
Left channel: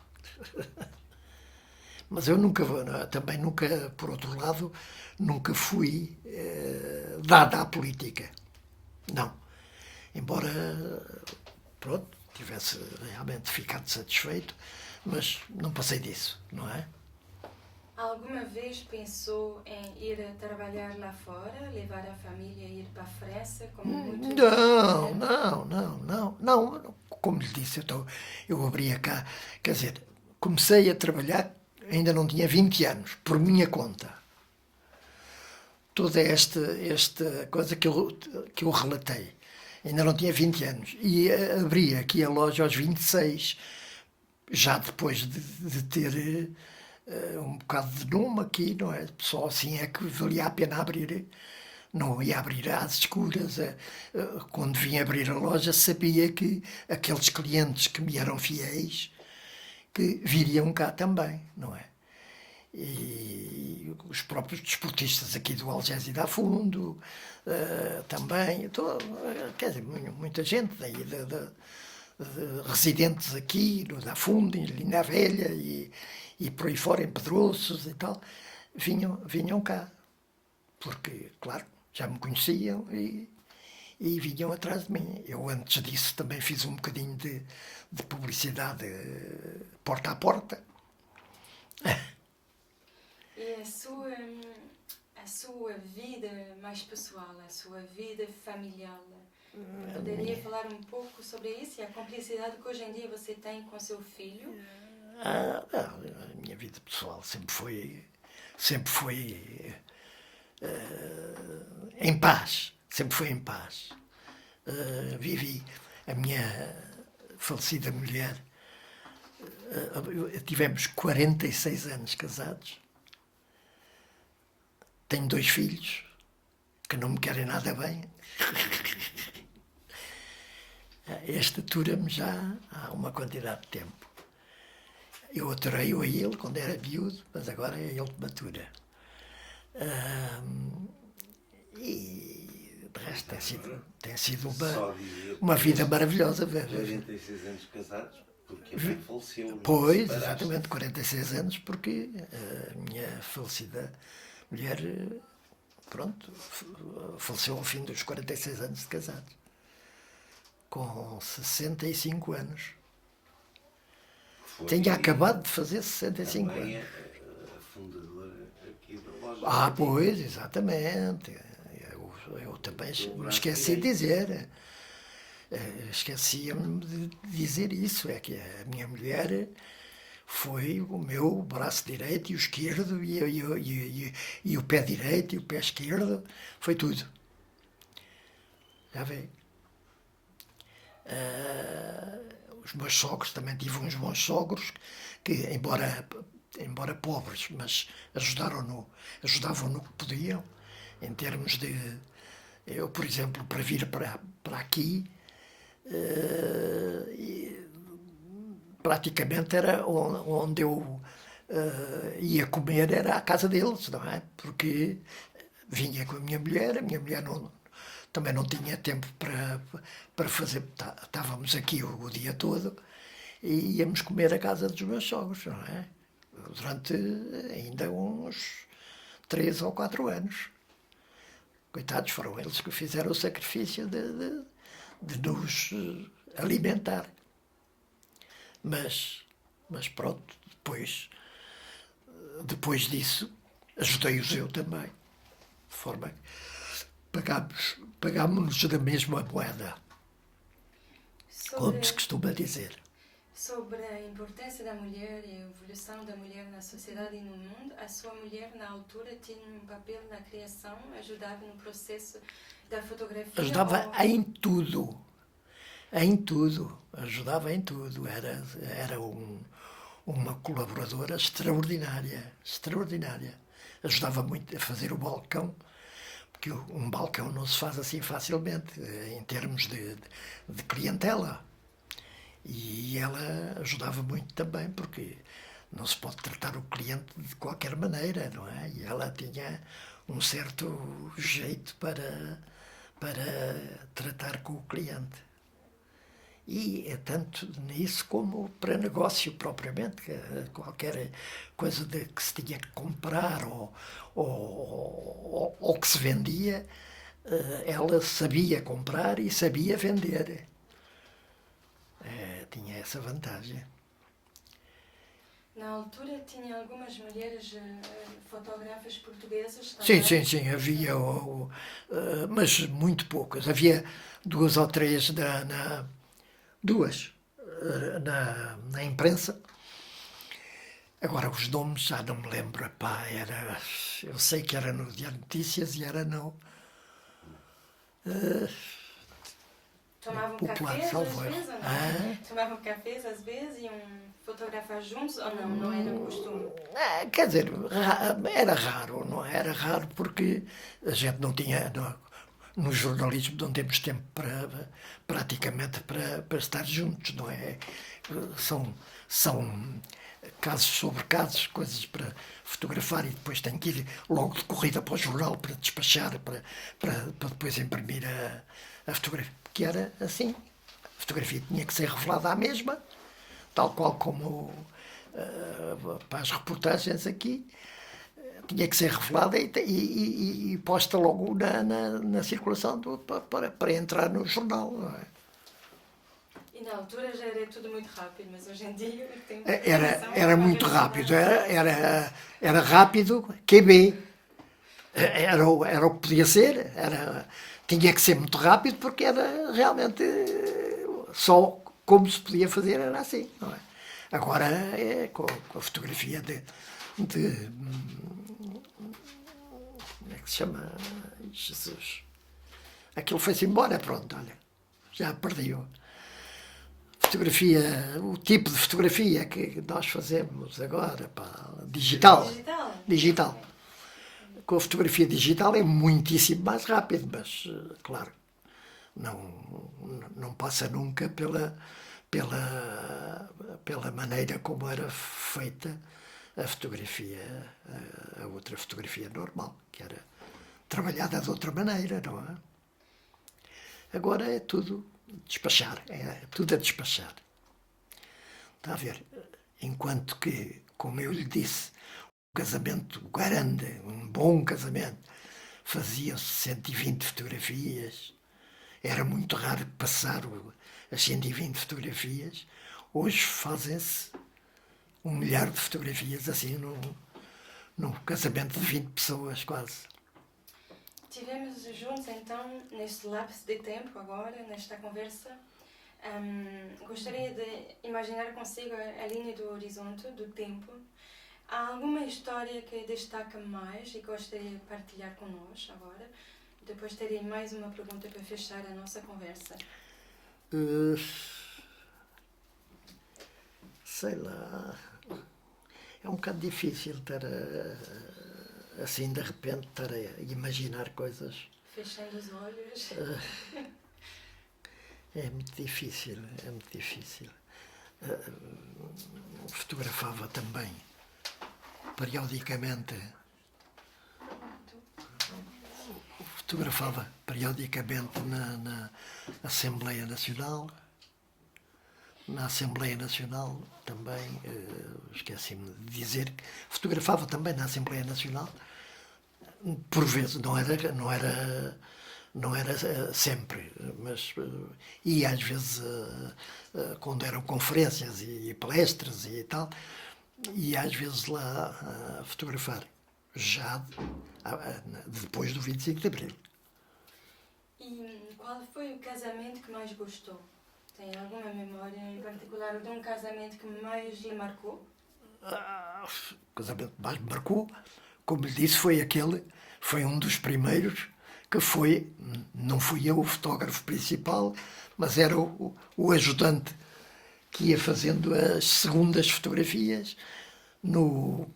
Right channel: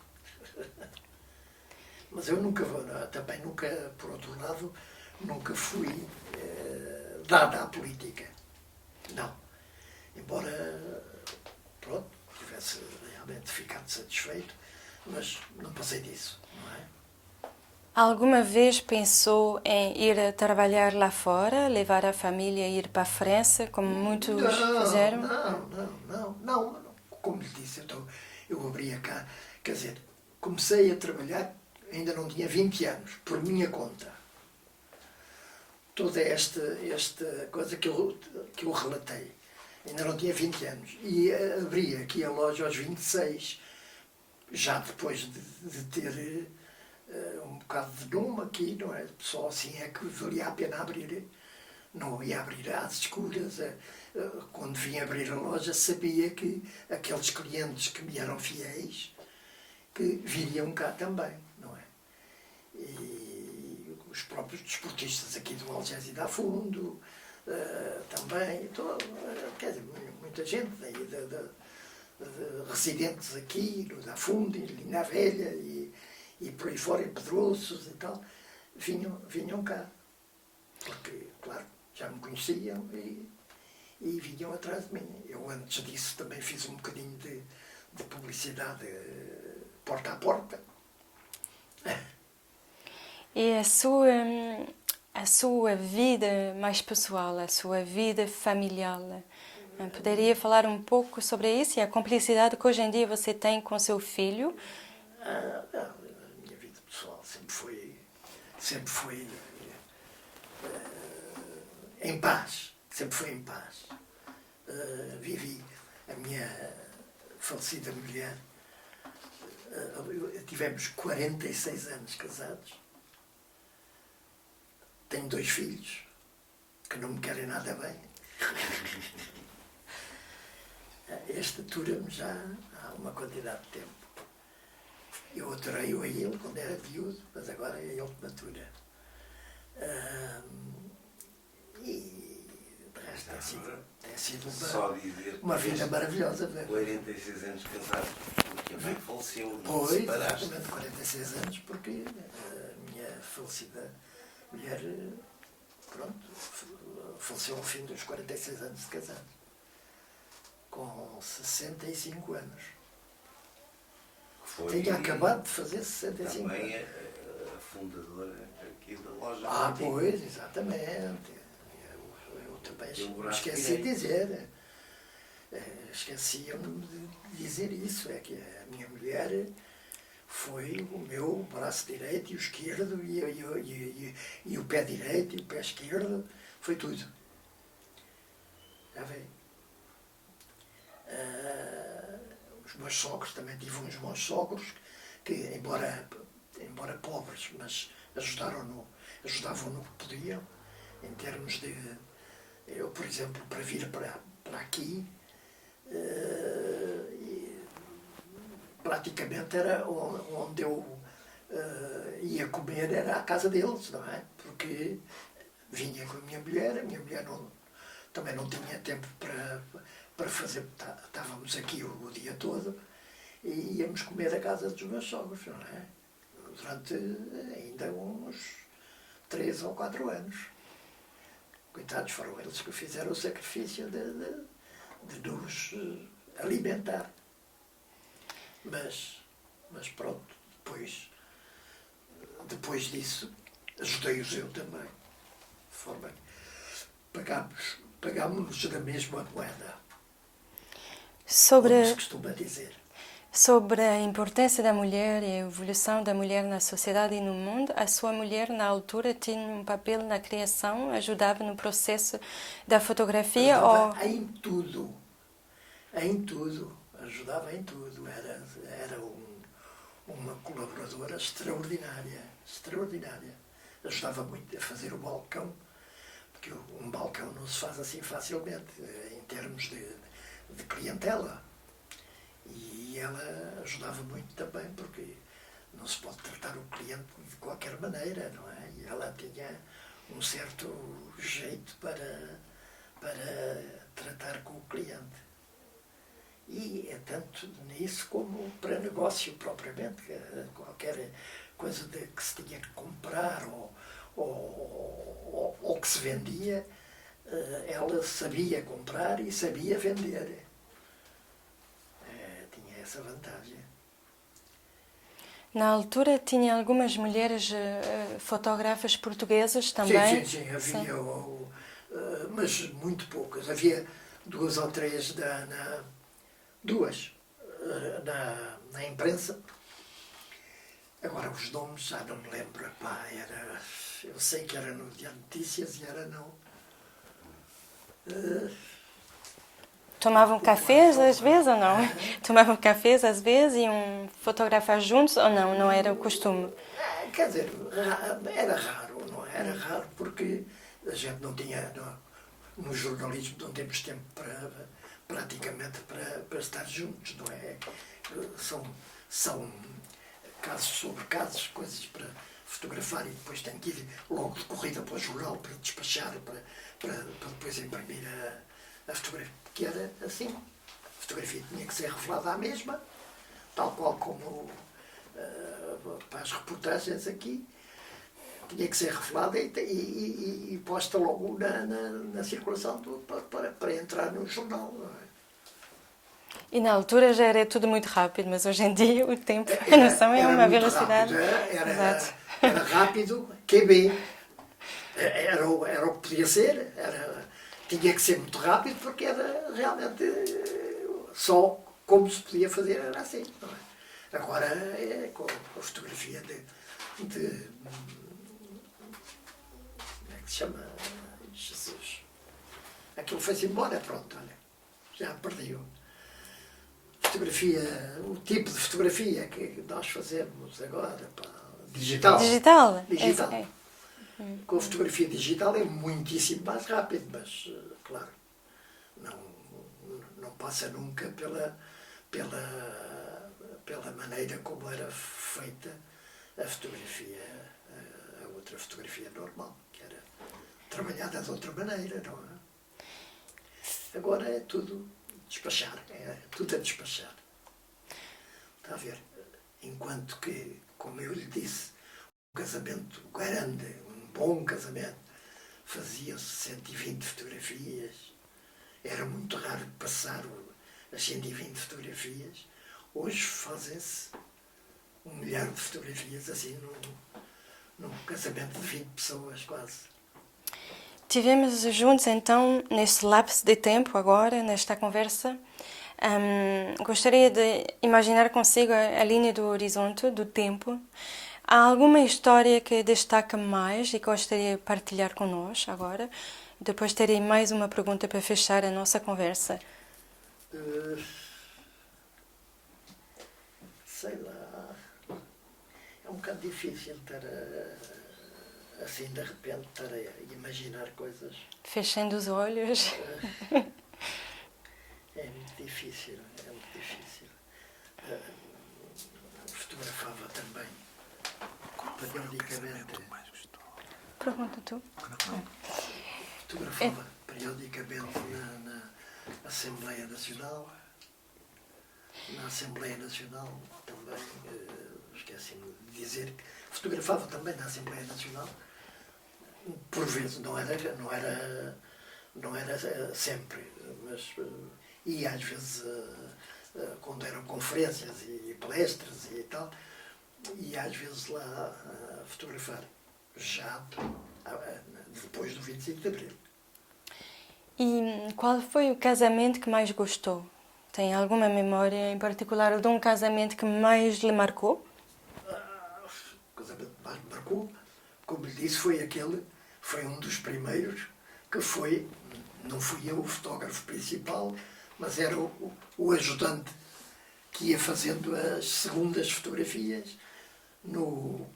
Mas eu também nunca, por outro lado, nunca fui dada à política. Não. Embora, pronto, tivesse realmente ficado satisfeito, mas não passei disso, não é? Alguma vez pensou em ir a trabalhar lá fora, levar a família a ir para a França, como muitos fizeram? Não. Como lhe disse, eu abria cá, quer dizer, comecei a trabalhar, ainda não tinha 20 anos, por minha conta. Toda esta coisa que eu relatei. Ainda não tinha 20 anos. E abri aqui a loja aos 26, já depois de ter um bocado de nome aqui, não é? Só assim é que valia a pena abrir. Não ia abrir às escuras. Quando vim abrir a loja, sabia que aqueles clientes que me eram fiéis, que viriam cá também, não é? E os próprios desportistas aqui do Algésia da Fundo, também, quer dizer, muita gente daí, residentes aqui, no da Fundo, em Linda Velha e por aí fora, em Pedroços e tal, vinham cá. Porque, claro, já me conheciam e vinham atrás de mim. Eu, antes disso, também fiz um bocadinho de publicidade porta a porta. E a sua vida mais pessoal, a sua vida familiar, poderia falar um pouco sobre isso e a cumplicidade que hoje em dia você tem com seu filho? A minha vida pessoal sempre foi em paz, sempre foi em paz. Vivi a minha falecida mulher, tivemos 46 anos casados. Tenho 2 filhos que não me querem nada bem. Este atura-me já há uma quantidade de tempo. Eu aturei-o a ele quando era miúdo, mas agora é ele que me atura. E de resto tem sido uma vida maravilhosa. 46 anos casado, porque a mãe faleceu. Pois, exatamente, 46 anos, porque a minha falecida mulher, pronto, faleceu ao fim dos 46 anos de casado, com 65 anos. Tinha acabado de fazer 65 também anos. É a fundadora aqui da loja. Pois, exatamente. Eu também me esqueci de dizer. Esquecia-me de dizer isso. É que a minha mulher foi o meu braço direito e o esquerdo, e o pé direito e o pé esquerdo, foi tudo. Já vê. Os meus sogros, também tive uns bons sogros que, embora pobres, mas ajudavam no que podiam, em termos de... Eu, por exemplo, para vir para aqui, praticamente era onde eu ia comer, era a casa deles, não é? Porque vinha com a minha mulher também não tinha tempo para fazer, estávamos aqui o dia todo e íamos comer a casa dos meus sogros, não é? Durante ainda uns 3 ou 4 anos. Coitados, foram eles que fizeram o sacrifício de nos alimentar. Mas pronto, depois disso, ajudei-os eu também. De forma que pagámos-nos da mesma moeda. Como se costuma dizer. Sobre a importância da mulher e a evolução da mulher na sociedade e no mundo, a sua mulher, na altura, tinha um papel na criação, ajudava no processo da fotografia? Ajudava em tudo. Em tudo. Ajudava em tudo. Era uma colaboradora extraordinária. Extraordinária. Ajudava muito a fazer o balcão, porque um balcão não se faz assim facilmente, em termos de clientela. E ela ajudava muito também, porque não se pode tratar o cliente de qualquer maneira, não é? E ela tinha um certo jeito para tratar com o cliente. E é tanto nisso como para negócio propriamente, qualquer coisa que se tinha que comprar ou que se vendia, ela sabia comprar e sabia vender. Tinha essa vantagem. Na altura tinha algumas mulheres fotógrafas portuguesas também? Sim, havia, mas muito poucas. Havia 2 ou 3 na imprensa. Agora os nomes já não me lembro. Epá, eu sei que era no Diário de Notícias e era não. Tomavam cafés às vezes ou não? Tomavam cafés às vezes e iam fotografar juntos ou não? Não era o costume? Quer dizer, era raro, não é? Era raro porque a gente não tinha, no jornalismo não temos tempo praticamente para estar juntos, não é? São casos sobre casos, coisas para fotografar e depois tenho que ir logo de corrida para o jornal para despachar, para depois imprimir a fotografia. Que era assim. A fotografia tinha que ser revelada à mesma, tal qual como para as reportagens aqui, tinha que ser revelada e posta logo na circulação para entrar no jornal. Não é? E na altura já era tudo muito rápido, mas hoje em dia o tempo, a noção é uma muito velocidade. Rápido, era rápido, QB. Era o que podia ser, tinha que ser muito rápido porque era realmente só como se podia fazer, era assim. Não é? Agora, com a fotografia como é que se chama? Jesus. Aquilo foi-se embora, pronto, olha, já perdi-o. Fotografia, o tipo de fotografia que nós fazemos agora, digital. Digital. Com a fotografia digital é muitíssimo mais rápido, mas, claro, não passa nunca pela maneira como era feita a fotografia, a outra fotografia normal, que era trabalhada de outra maneira, não é? Agora é tudo despachar, é tudo a despachar. Está a ver? Enquanto que, como eu lhe disse, um casamento grande, um bom casamento, faziam-se 120 fotografias, era muito raro passar as 120 fotografias. Hoje fazem-se 1 milhar de fotografias assim num casamento de 20 pessoas quase. Tivemos juntos então, neste lapso de tempo agora, nesta conversa, gostaria de imaginar consigo a linha do horizonte, do tempo. Há alguma história que destaca mais e gostaria de partilhar connosco agora? Depois terei mais uma pergunta para fechar a nossa conversa. Eh, sei lá. É um bocado difícil estar assim de repente estar a imaginar coisas. Fechando os olhos. É muito difícil, é muito difícil. Fotografava também, periodicamente. Pergunta tu. Fotografava periodicamente na Assembleia Nacional. Na Assembleia Nacional também, esqueci-me de dizer que fotografava também na Assembleia Nacional. Por vezes, não era sempre, mas e às vezes quando eram conferências e palestras e tal, e às vezes lá a fotografar, já depois do 25 de Abril. E qual foi o casamento que mais gostou? Tem alguma memória em particular de um casamento que mais lhe marcou? O casamento que mais me marcou, como lhe disse, foi um dos primeiros que foi, não fui eu o fotógrafo principal, mas era o ajudante que ia fazendo as segundas fotografias no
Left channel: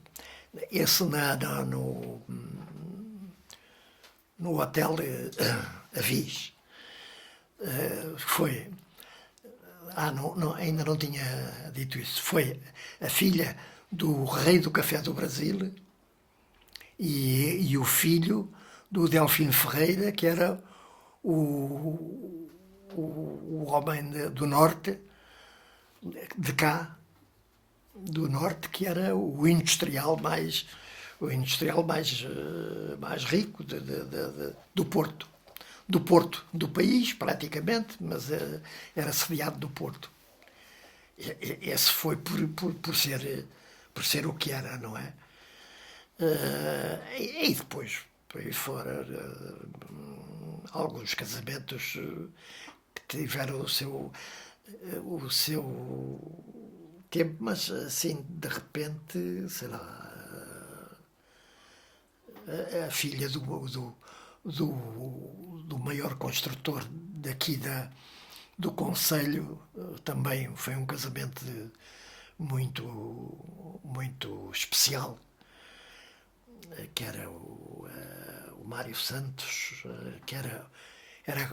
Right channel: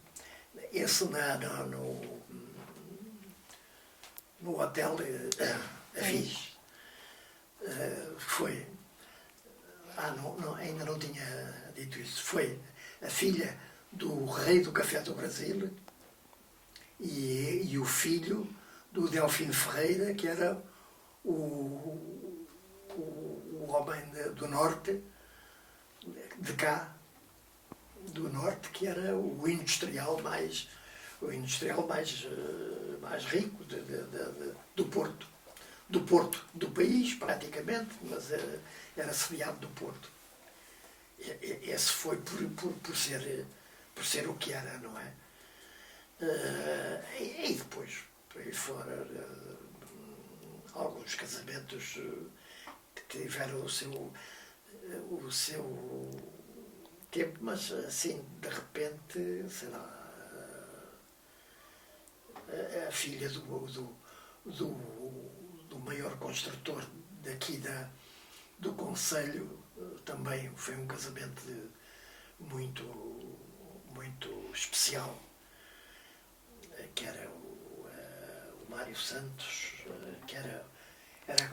hotel Avis. Foi. Ainda não tinha dito isso. Foi a filha do rei do café do Brasil e o filho do Delfim Ferreira, que era o homem do norte, de cá, do norte, que era o industrial mais rico do Porto. Do país, praticamente, mas era sediado do Porto. Esse foi por ser o que era, não é? E depois, por aí fora, alguns casamentos que tiveram o seu tempo, mas assim, de repente, sei lá, a filha do maior construtor daqui do concelho também foi um casamento muito, muito especial, que era o Mário Santos, que era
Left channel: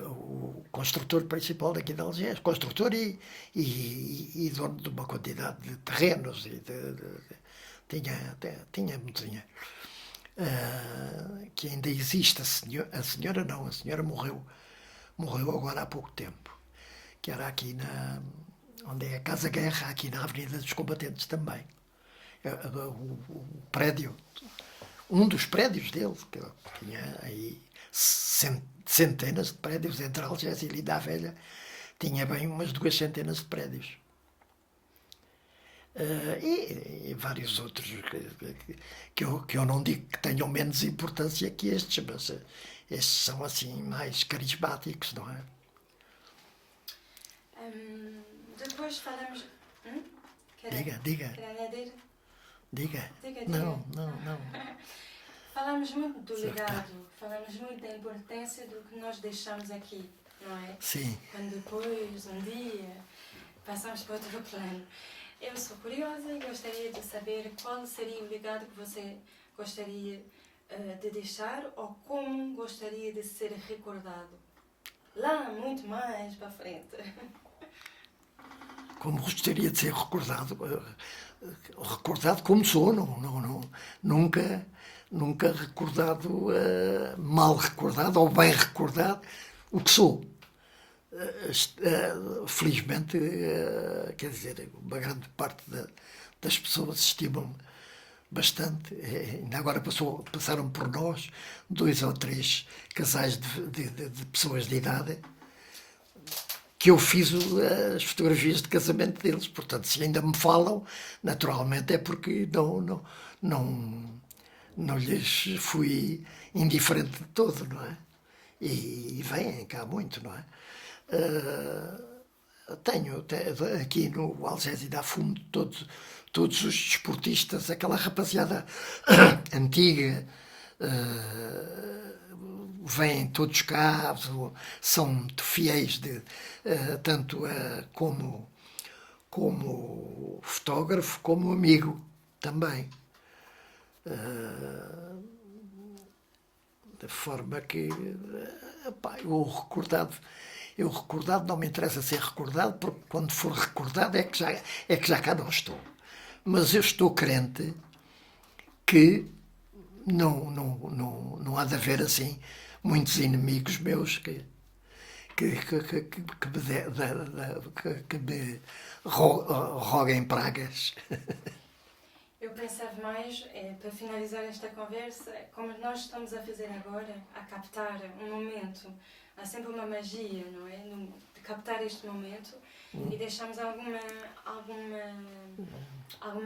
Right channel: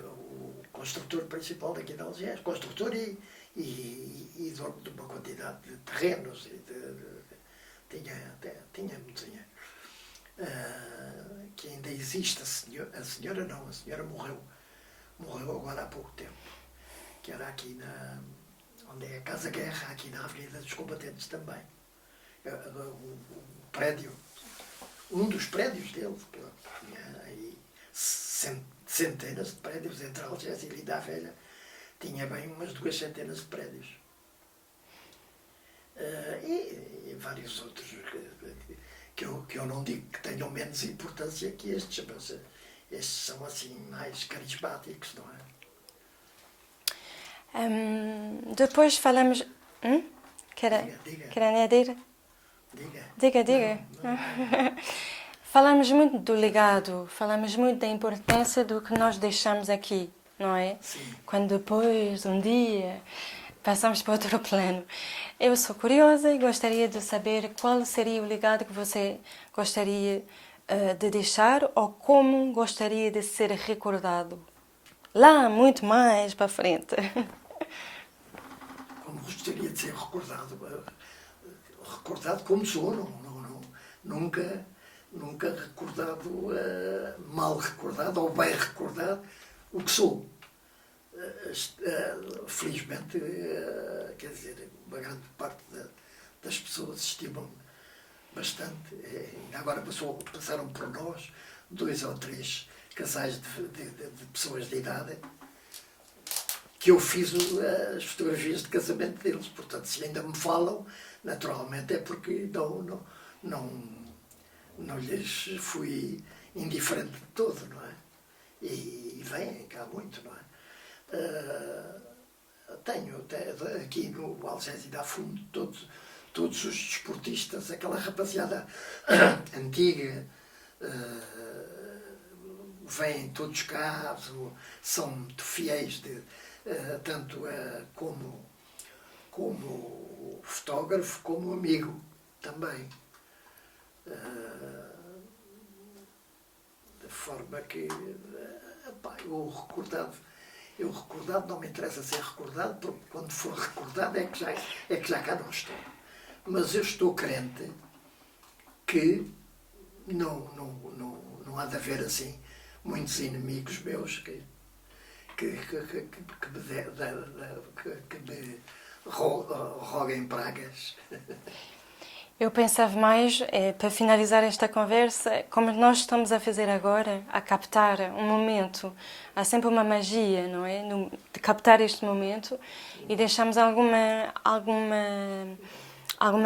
o construtor principal daqui de Algés, construtor e dono de uma quantidade de terrenos, tinha muito dinheiro. Que ainda existe, a senhora morreu agora há pouco tempo, que era aqui onde é a Casa Guerra, aqui na Avenida dos Combatentes também. O prédio, um dos prédios dele, que tinha aí centenas de prédios entre Algés e Linda a Velha, tinha bem umas 2 centenas de prédios. E vários outros que eu não digo que tenham menos importância que estes, mas estes são assim mais carismáticos, não é? Depois falamos... Diga. Quer añadir? Diga. Não. Falamos muito do legado, falamos muito da importância do que nós deixamos aqui, não é? Sim. Quando depois, um dia, passamos para outro plano. Eu sou curiosa e gostaria de saber qual seria o legado que você gostaria de deixar ou como gostaria de ser recordado. Lá, muito mais para frente. Como gostaria de ser recordado como sou, nunca recordado, mal recordado ou bem recordado o que sou. Felizmente, quer dizer, uma grande parte das pessoas estimam-me bastante. Ainda agora passaram por nós 2 ou 3 casais de pessoas de idade que eu fiz as fotografias de casamento deles. Portanto, se ainda me falam, naturalmente é porque não lhes fui indiferente de todo, não é? E vêm cá muito, não é? Tenho aqui no Algés e da Fundo todos os desportistas, aquela rapaziada antiga, vêm todos cá, são muito fiéis, tanto como fotógrafo, como amigo também. De forma que, epá, eu recordado, não me interessa ser recordado, porque quando for recordado é que já cá não estou. Mas eu estou crente que não há de haver assim muitos inimigos meus que me roguem pragas. Eu pensava mais, para finalizar esta conversa, como nós estamos a fazer agora, a captar um momento. Há sempre uma magia, não é? De captar este momento e deixamos alguma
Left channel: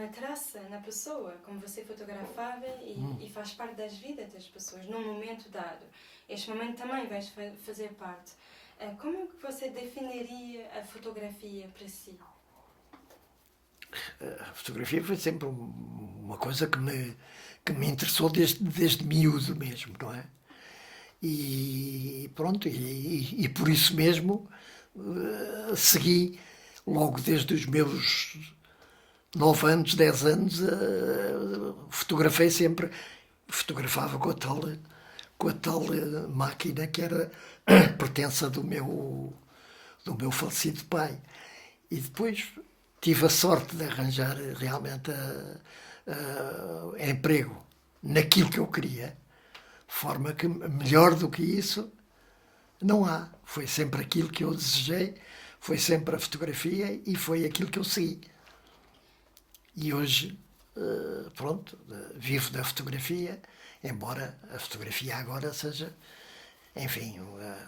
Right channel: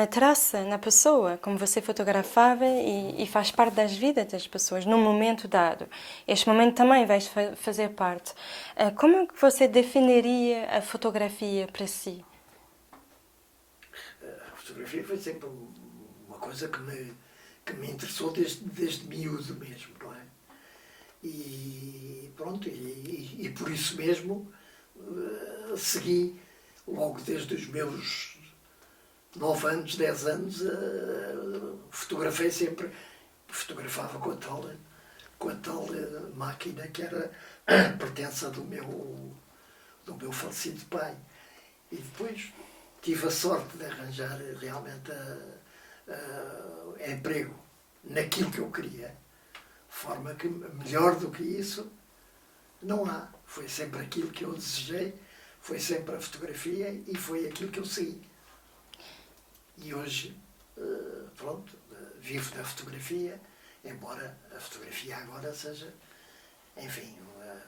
traça na pessoa, como você fotografava e faz parte das vidas das pessoas, num momento dado. Este momento também vai fazer parte. Como é que você definiria a fotografia para si? A fotografia foi sempre uma coisa que me interessou desde miúdo mesmo, não é? E pronto, e por isso mesmo segui logo desde os meus 9 anos, 10 anos, fotografei sempre, fotografava com a tal máquina que era pertença do meu falecido pai. E depois tive a sorte de arranjar realmente emprego naquilo que eu queria, de forma que melhor do que isso não há. Foi sempre aquilo que eu desejei, foi sempre a fotografia e foi aquilo que eu segui. E hoje, pronto, vivo da fotografia, embora a fotografia agora seja, enfim,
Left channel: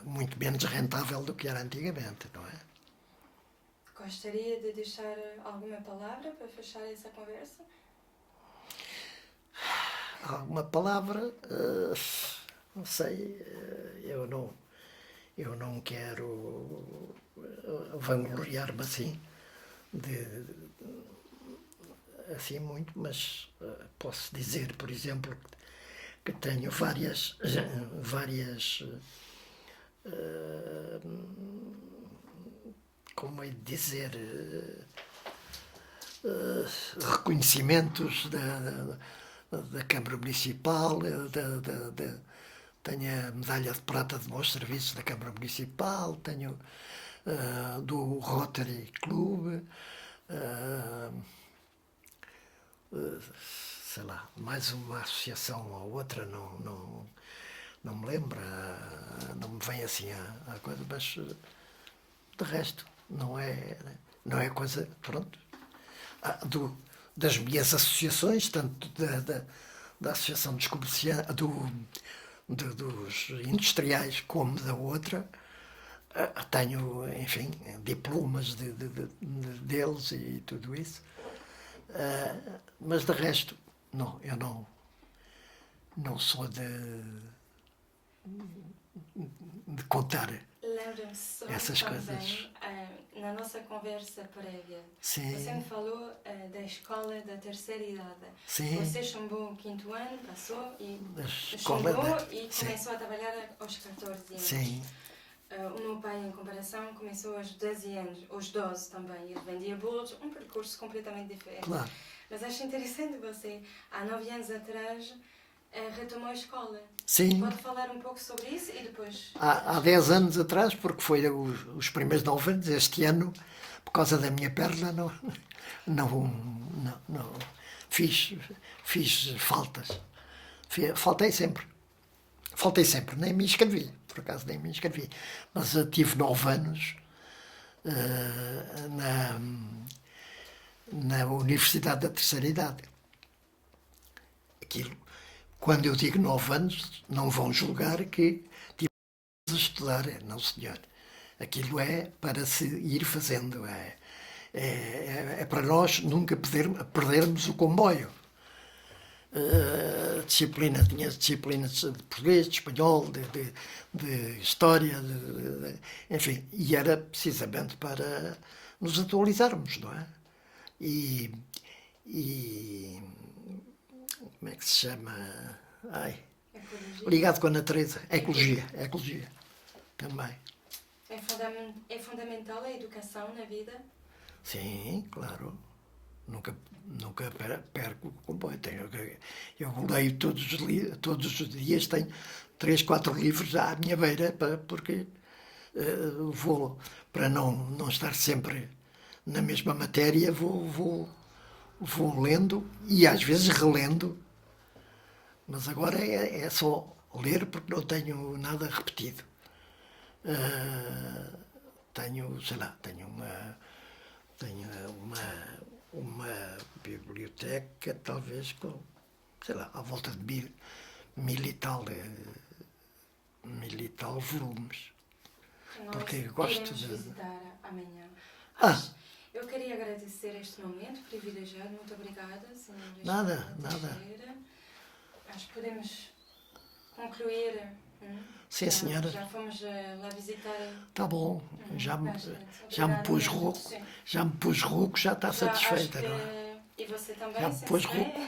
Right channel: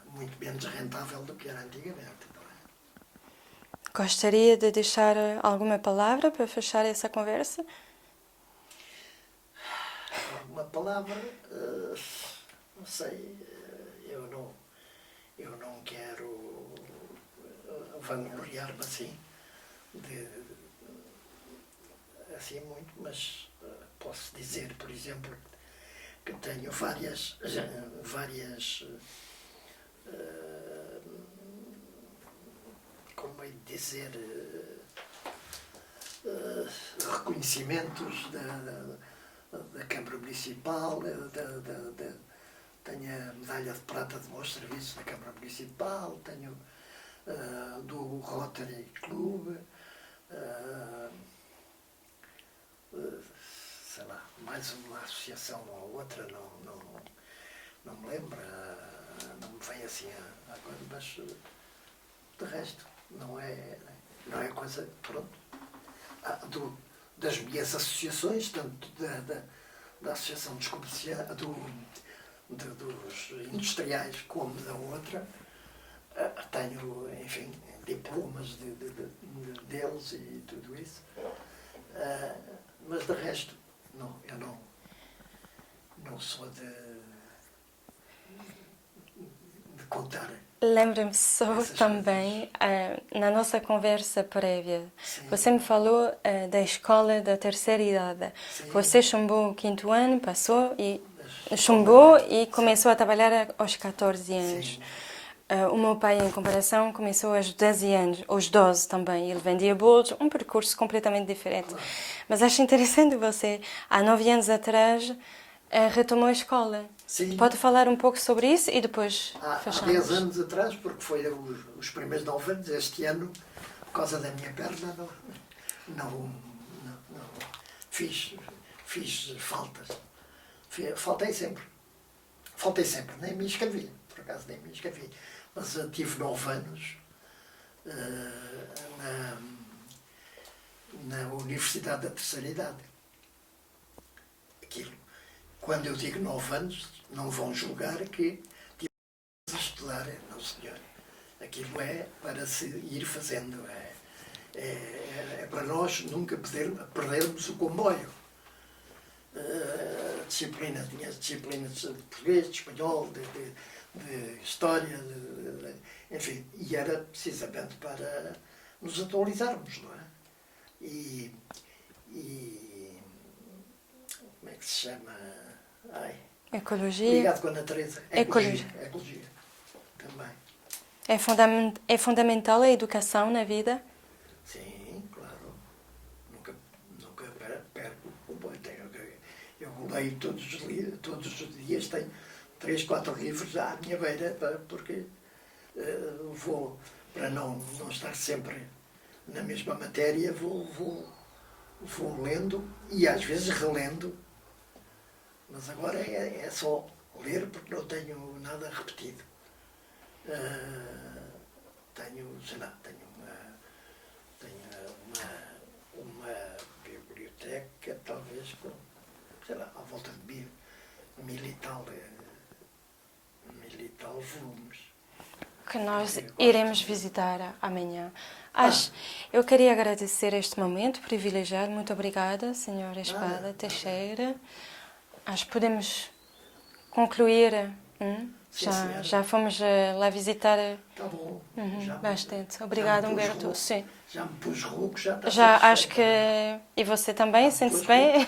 muito menos rentável do que era antigamente, não é? Gostaria de deixar alguma palavra para fechar essa conversa? Alguma palavra? Não sei, eu não quero vangloriar-me assim muito, mas posso dizer, por exemplo, que tenho várias como é de dizer, reconhecimentos da Câmara Municipal, tenho a medalha de prata de bons serviços da Câmara Municipal, tenho do Rotary Club, sei lá, mais uma associação ou outra, não me lembro, não me vem assim a coisa, mas de resto não é coisa, pronto, das minhas associações, tanto da Associação dos Comerciantes, dos industriais, como da outra, tenho, enfim, diplomas deles e tudo isso. Mas de resto, não, eu não sou de contar. Lembra-me só também, na nossa conversa prévia, Sim. você me falou da escola da terceira idade. Sim. Você chumbou o 5º ano, passou e começou a trabalhar aos 14 anos. Sim. O meu pai, em comparação, começou aos 12 anos, aos 12 também. Ele vendia bolos, um percurso completamente diferente. Claro. Mas acho interessante você, há 9 anos atrás, retomou a escola. Sim. Pode falar um pouco sobre isso e depois Há 10 anos atrás, porque foi os primeiros 9 anos, este ano, por causa da minha perna, não fiz faltas. Faltei sempre, nem me inscrevi, por acaso nem me inscrevi. Mas tive 9 anos na Universidade da Terceira Idade. Aquilo, quando eu digo 9 anos, não vão julgar que tive a estudar, não senhor. Aquilo é para se ir fazendo, é para nós nunca perdermos o comboio. Tinha disciplinas de português, de espanhol, de história, enfim, e era precisamente para nos atualizarmos, não é? E como é que se chama? Ecologia. Ligado com a natureza. Ecologia. Ecologia. Também. É fundamental a educação na vida? Sim, claro. Nunca perco o comboio. Eu leio todos os dias, tenho 3, 4 livros à minha beira, porque vou, para não estar sempre na mesma matéria, vou lendo e às vezes relendo, mas agora é só ler porque não tenho nada repetido. Tenho uma biblioteca, talvez com, sei lá, à volta de 1000 e tal volumes. Que nós Porque gosto iremos de- visitar amanhã. Eu queria agradecer este momento privilegiado. Muito obrigada, Senhora Espada Nada. Teixeira. Acho que podemos concluir. Sim, senhora. Já fomos lá visitar. Tá bom. Bastante. Obrigada, Humberto. Sim. Já me pus rouco, já está Já satisfeita. acho que. E você também, Já me sente-se pôs bem?